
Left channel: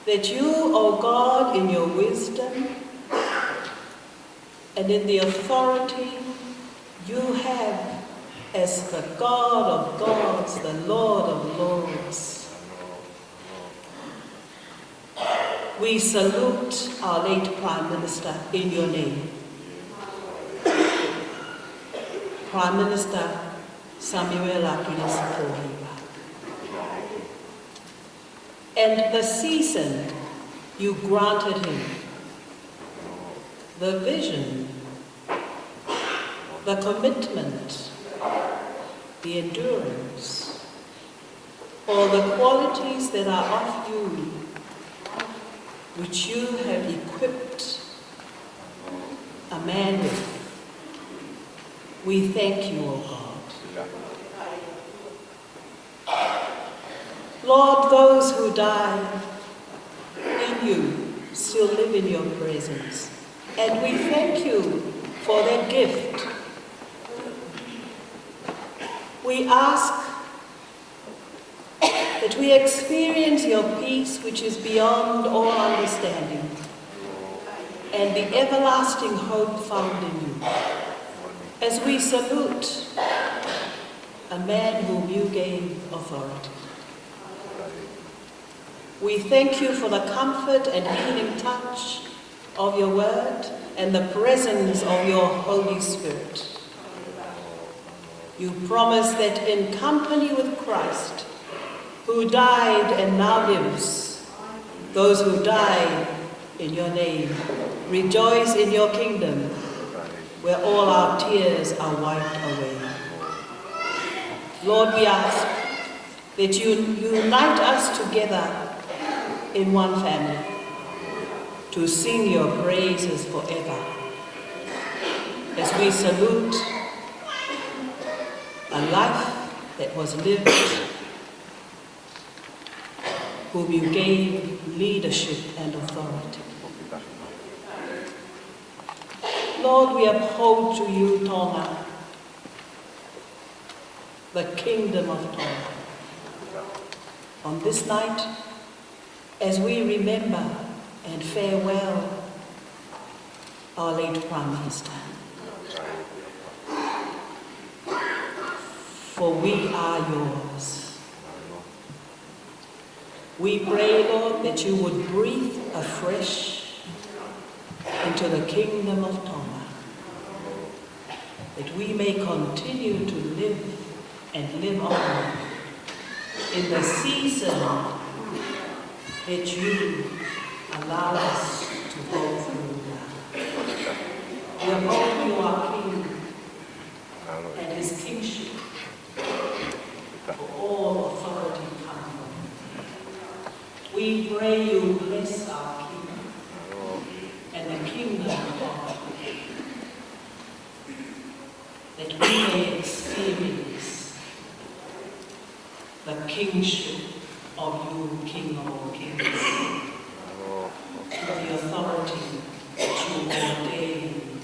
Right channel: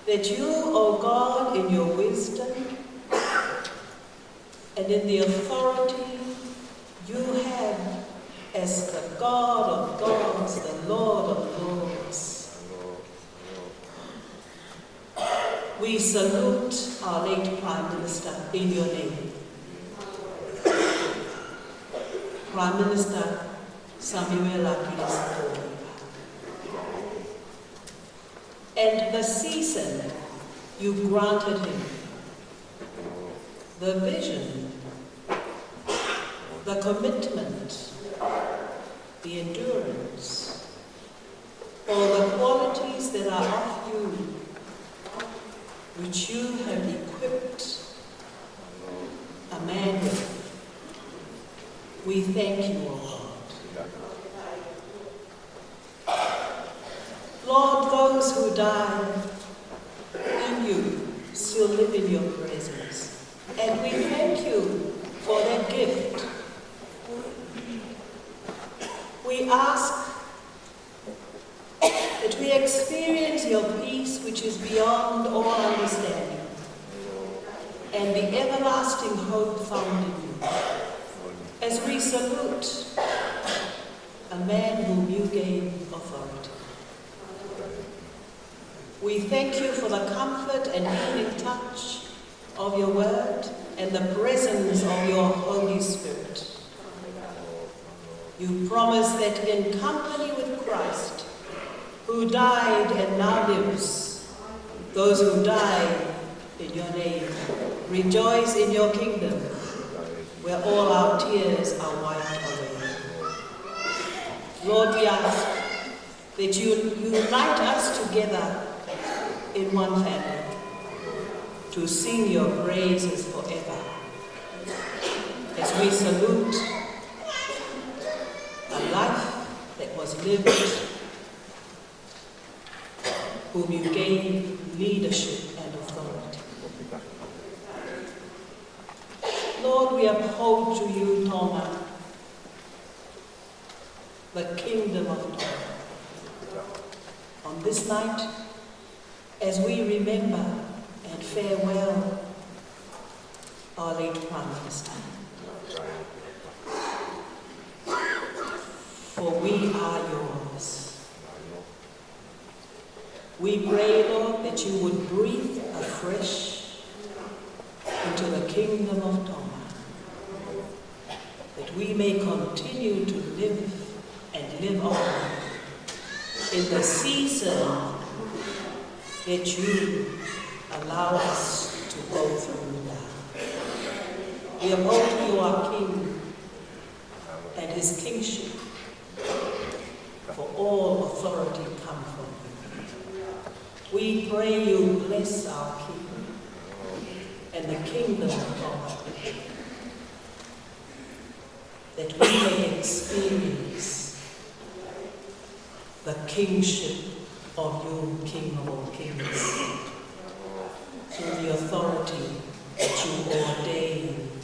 That you, O God, in your wisdom and in the authority you have as the God of gods, the Lord of lords. We salute our late Prime Minister in your name. Prime Minister Samuel Akilisi Pohiva. And the season you granted him, the vision, the commitment, the endurance, all the qualities that are of you, which you have equipped a man with. We thank you, O God. Lord, those who die in you still live in your presence. And we thank you for that gift. We ask that we experience your peace which is beyond all understanding and the everlasting hope found in you. As we salute a man whom you gave authority. We thank you for the comfort and healing touch of your word and the presence of your Holy Spirit. You promise that in company with Christ, who died and now lives, those who die in your name rejoice in your kingdom, where all our tears are wiped away. Lord, we ask that you unite us together in one family to sing your praises forever. As we salute a life that was lived, whom you gave leadership and authority. Lord, we uphold to you Tonga, the kingdom of Tonga. On this night, as we remember and farewell our late Prime Minister, for we are yours. We pray, Lord, that you would breathe afresh into the kingdom of Tonga, that we may continue to live and live on in the season that you allow us to go through now. We uphold to you our King and his kingship, for all authority come from you. We pray you bless our King and the kingdom of God, that we may experience the kingship of you, King of all kings, through the authority that you ordain,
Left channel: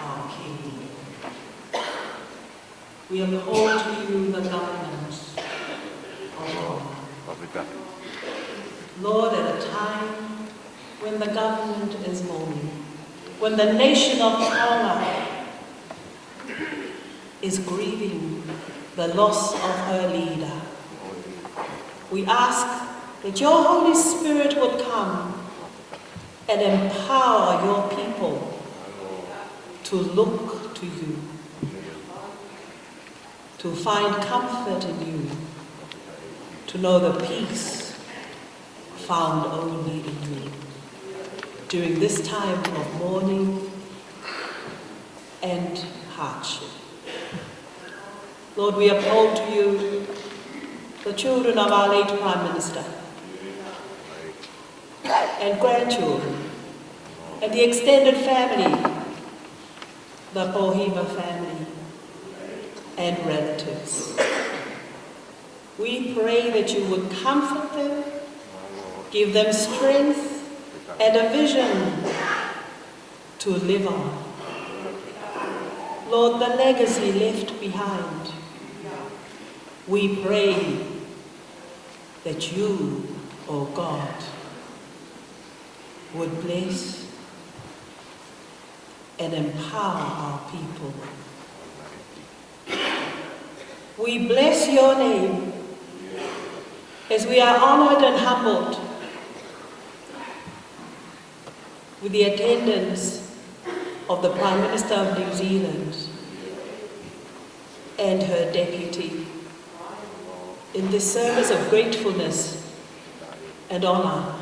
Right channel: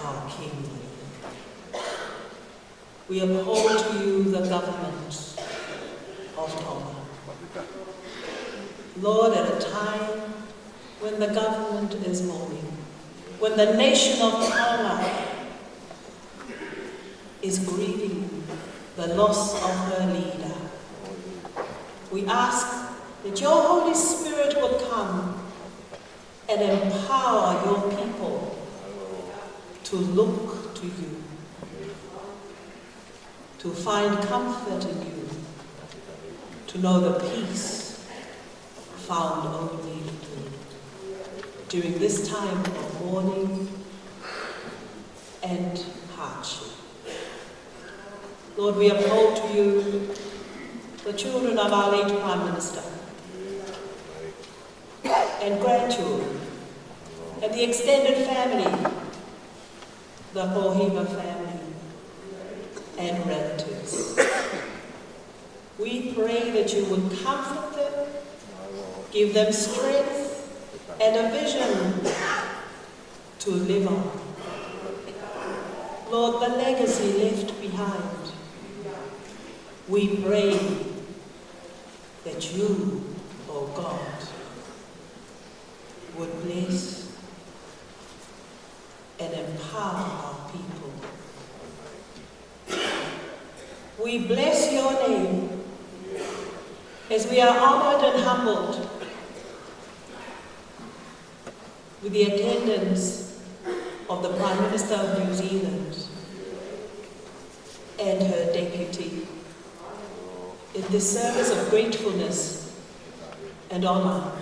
our King. We uphold to you the government of Tonga. Lord, at a time when the government is mourning, when the nation of Tonga is grieving the loss of her leader, we ask that your Holy Spirit would come and empower your people to look to you, to find comfort in you, to know the peace found only in you during this time of mourning and hardship. Lord, we uphold to you the children of our late Prime Minister and grandchildren and the extended family, the Pohiva family and relatives. We pray that you would comfort them, give them strength and a vision to live on. Lord, the legacy left behind, we pray that you, O God, would bless and empower our people. We bless your name as we are honored and humbled with the attendance of the Prime Minister of New Zealand and her deputy in this service of gratefulness and honor.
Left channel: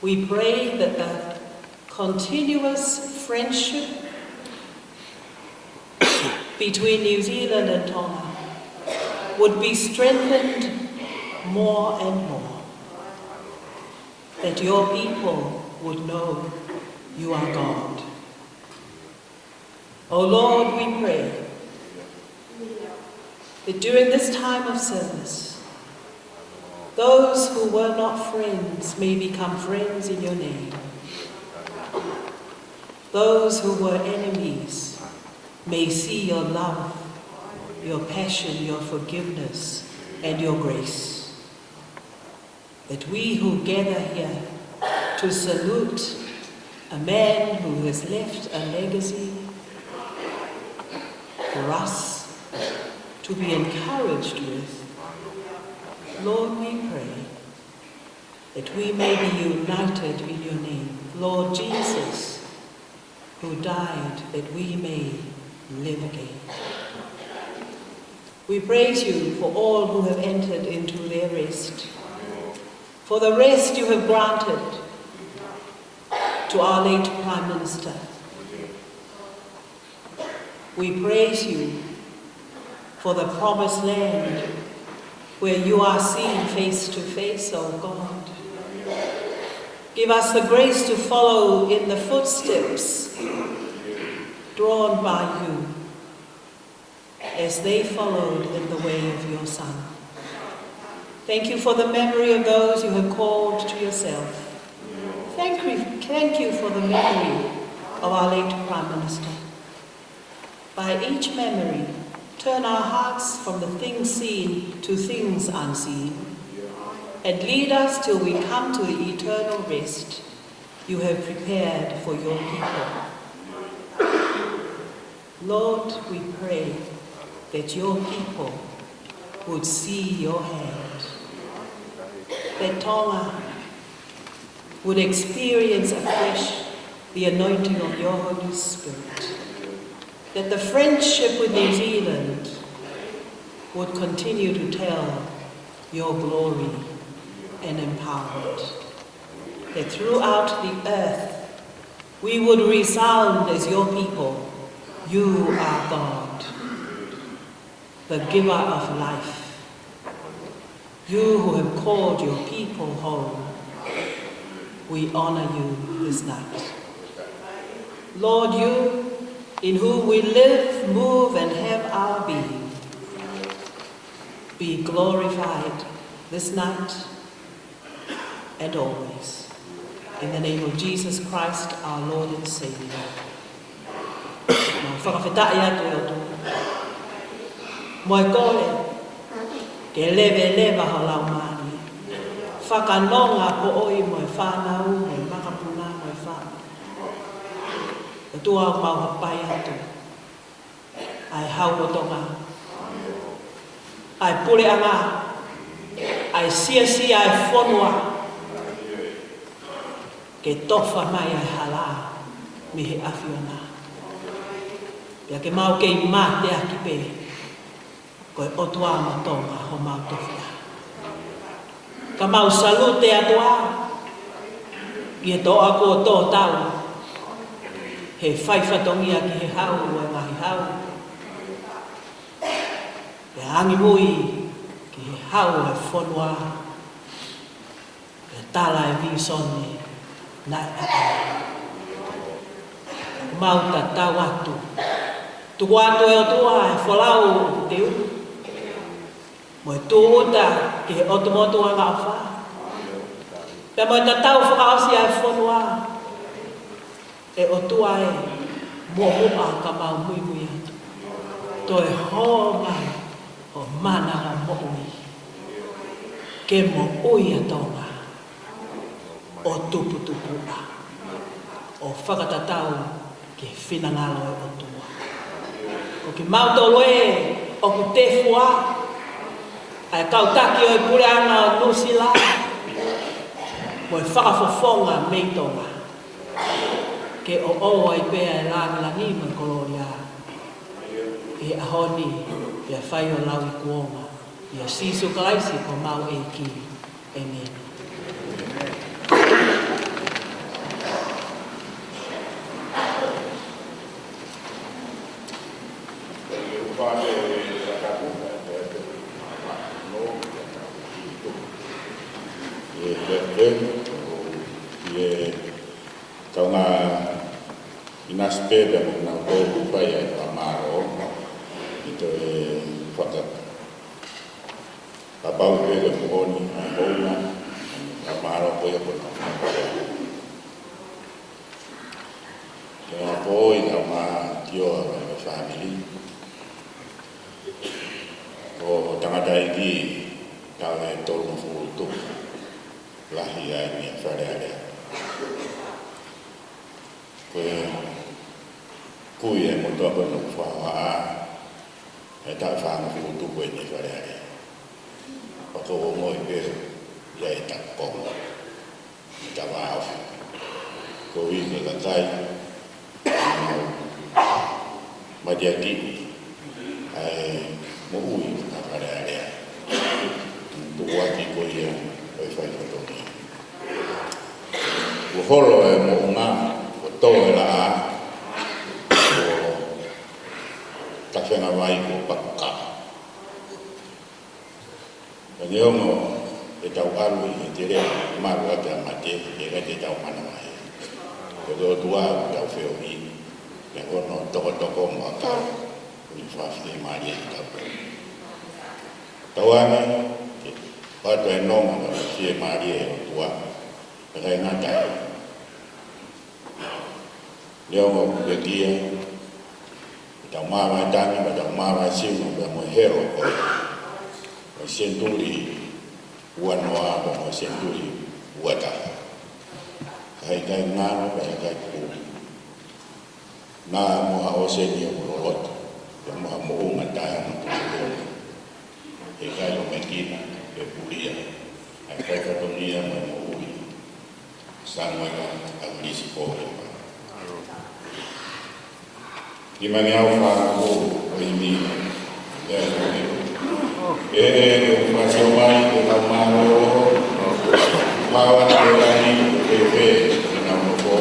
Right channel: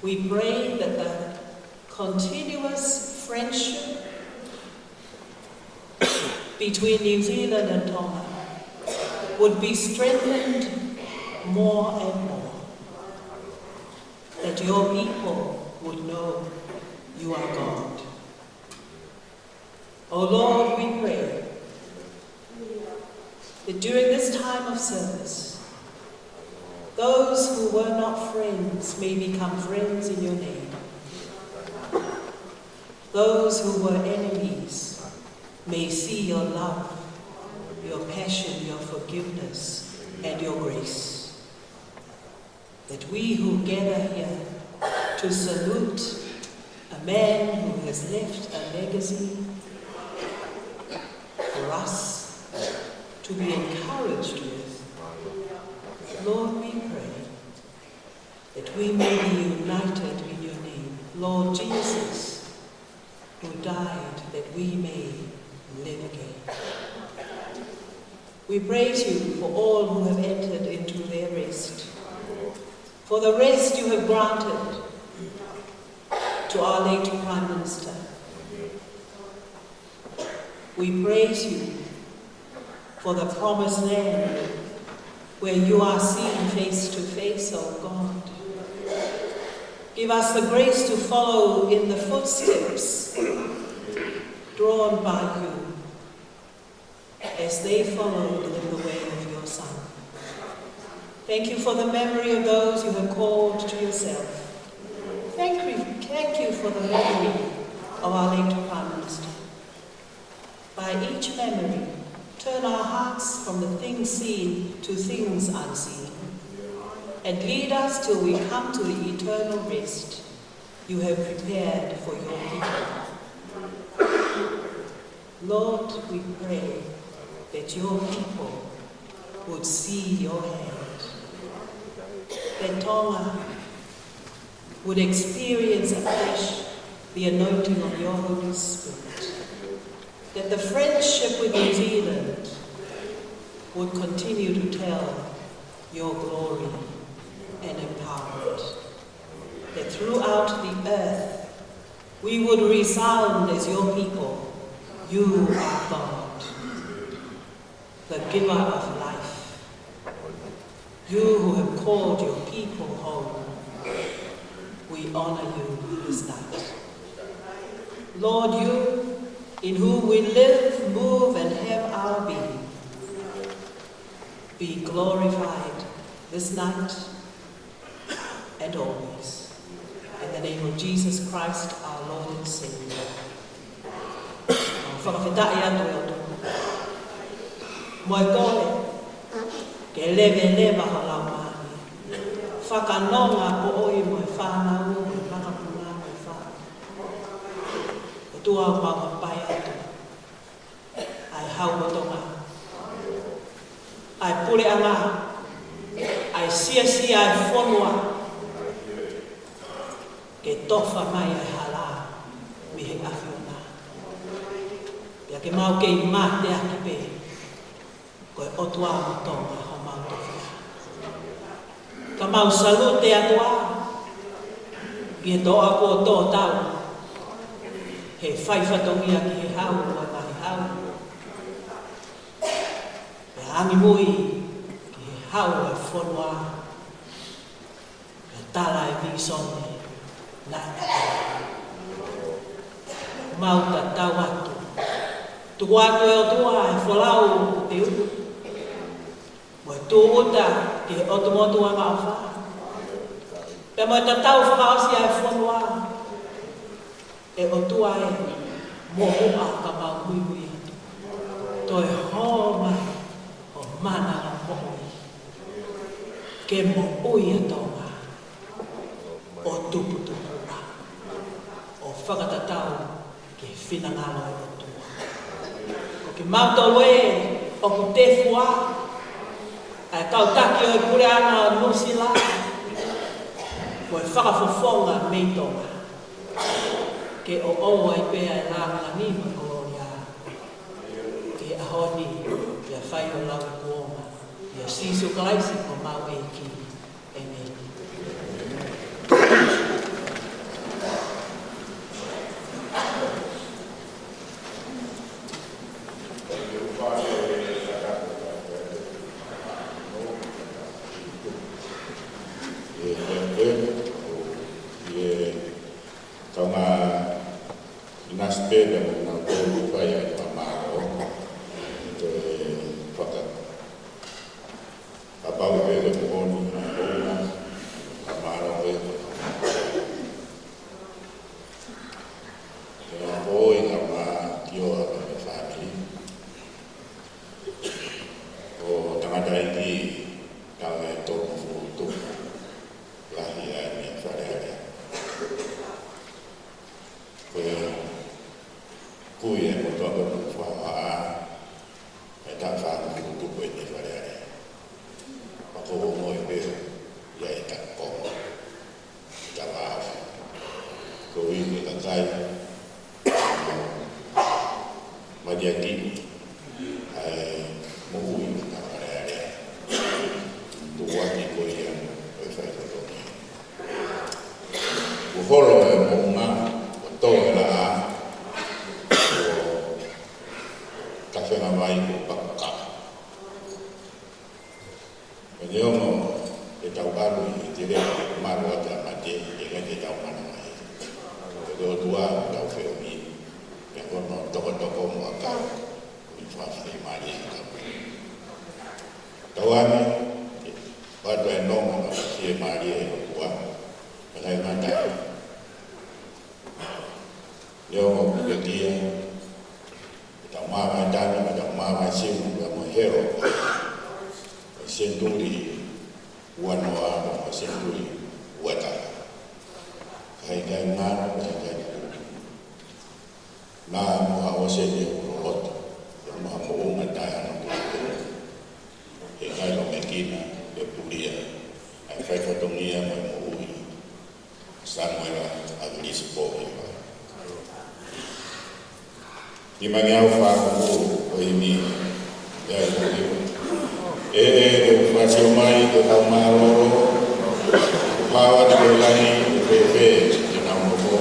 We pray that the continuous friendship between New Zealand and Tonga would be strengthened more and more, that your people would know you are God. Oh Lord, we pray that during this time of service, those who were not friends may become friends in your name. Those who were enemies may see your love, your passion, your forgiveness, and your grace. That we who gather here to salute a man who has left a legacy for us to be encouraged with, Lord, we pray that we may be united in your name. Lord Jesus, who died that we may live again. We praise you for all who have entered into their rest, for the rest you have granted to our late Prime Minister. We praise you for the promised land where you are seen face to face, O God. Give us the grace to follow in the footsteps drawn by you as they followed in the way of your Son. Thank you for the memory of those you have called to yourself. Thank thank you for the memory of our late Prime Minister. By each memory, turn our hearts from the things seen to things unseen, and lead us till we come to the eternal rest you have prepared for your people. Lord, we pray that your people would see your hand, that Tonga would experience afresh the anointing of your Holy Spirit, that the friendship with New Zealand would continue to tell your glory and empowerment, that throughout the earth we would resound as your people. You are God, the giver of life. You who have called your people home, we honor you this night. Lord, you in whom we live, move, and have our being, be glorified this night and always. In the name of Jesus Christ, our Lord and Savior. Fakafeta'I atu e otu. Moe kole, ke leve halau mani. Whakanonga po oi moe whanau, moe makapuna, moe whanau. E tua mau hapai atu. Ai hau o tonga. Ai PULE'ANGA. Ai SIASI, ai FONUA. Ke tofa mai ai hala, mihe awhiona. Pia ke mau ke I mā te aki pe, koe otua ma tonga ho mau tofia. Ka mau salute atua, ki e toa ko tō tau, he whaiwhatongia ki he hau o ngahi hau. Pe angi mui ki he hau e whonua, pe tala e visone, nai mau ta tau atu. Tuku atu e otua e wholau teu. Mo e tūuta ki he otumotu anga o wha. Pea mo e ta tau whakaosi ai whonua. E otua e mo ua ka mau mui mui atu. To e ho mai o mananga mo ui. Ke mo ui a tonga. O tupu a. O whakatatau ke whinangalo e otua. Ko ki mautolo e o ku te fua. Ai kautaki o I PULE'ANGA o Nusila. Mo e whakafofonga mei tonga. Ke o ai pea e langi mo kolonia. Te ahoni, pia whai o lau I kuonga. Pia sisu kalaisi ko mau e ki. Amen. Tonga inaspe da mo na go fai ai pamaro ito e fata kapau pe de oni a bona pamaro ko e bona e poi na ma tio a family o tanga dai ki ta e toro futu lahi ai ni fare kui e mo toa kono whawa e ta whaama kutu koe ni whareare. O ko ngoi pēru ia e ta konga. I ta wāo. Ko I ke KAKAI mau madiaki mo ui ka whareare. Tuwaki ko ia koe whaitotoki. Uholo e mo ngā o tō e la a tawhenga vai ko pakaka. Ka neongo e tau aru I te rea maru ate a mate e ngai te tau mana mai. Ko tō tua u tau wheo mi e hono toko mo a kau I whawhi maari e tau. Tau ane pato e nonga na whawhi maari e o tua e kai ngatai. Leo mo kuyatia. Tau mama tani ba tau mama simu ba mo hero ko. Ko senturi wanoa ba mo senturi wata. Kai kai ngana ba kai ku. Na mo ha o se ni o lot. Ya mo mo o ngata ya mo ku. E kai lo mekina e puria. Ai kai ka tonia mo mo ui. Samuel Akilisi Pohiva. Di mangiau whāngu o imi e whāsio mai e kau māroro hawat e lani e pepe e nau moko.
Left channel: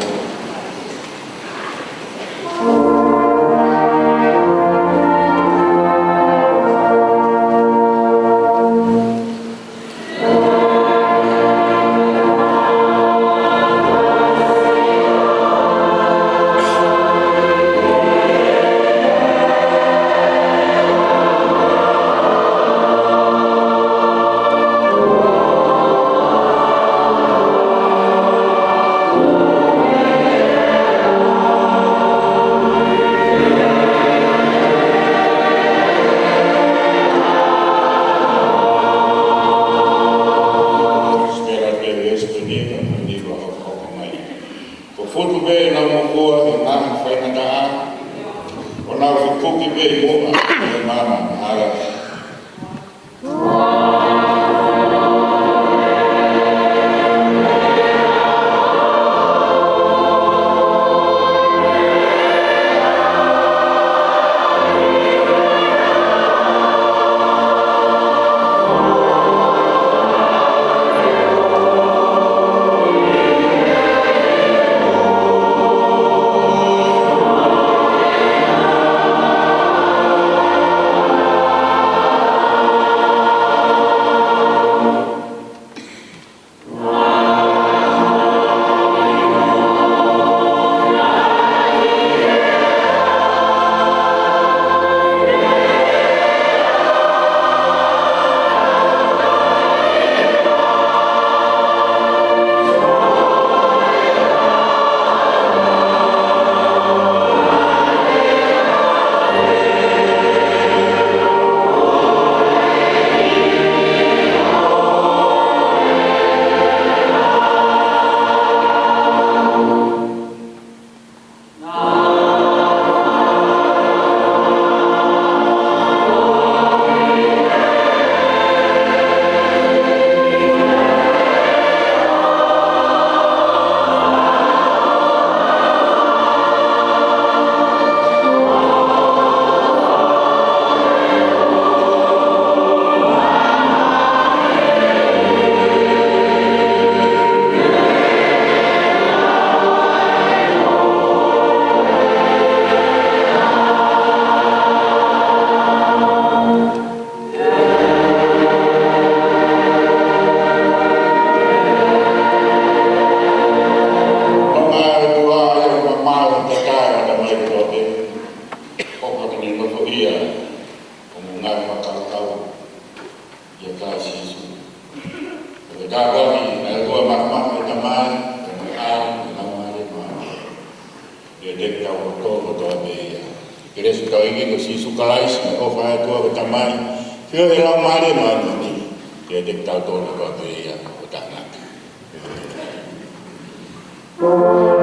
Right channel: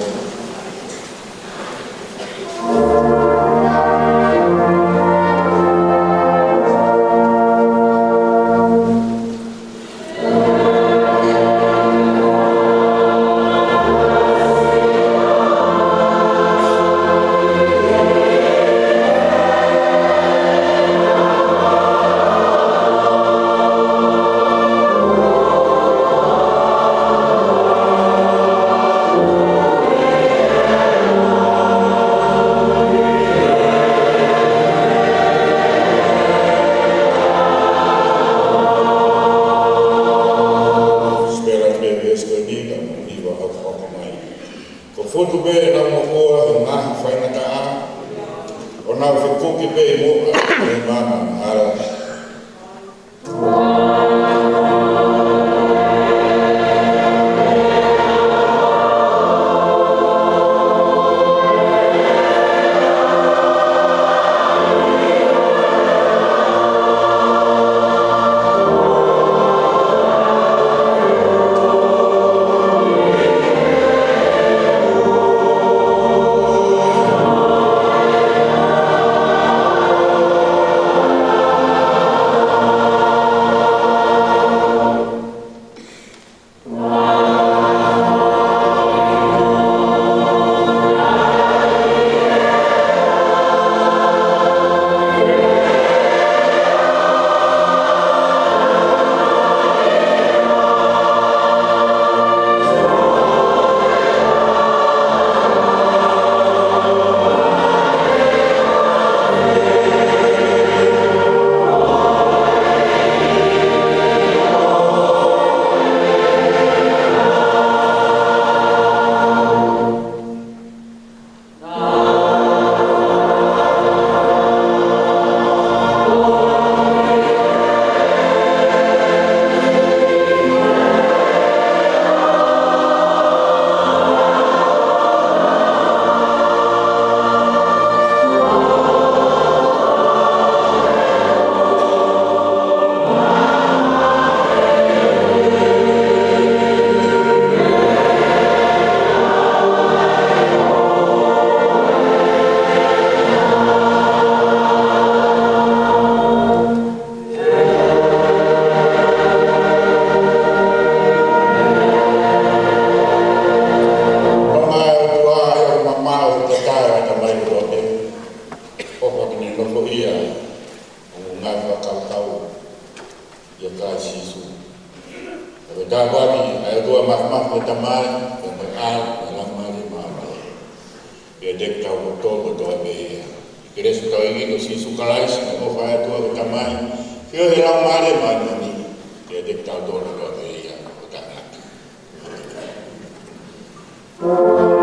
Thank you.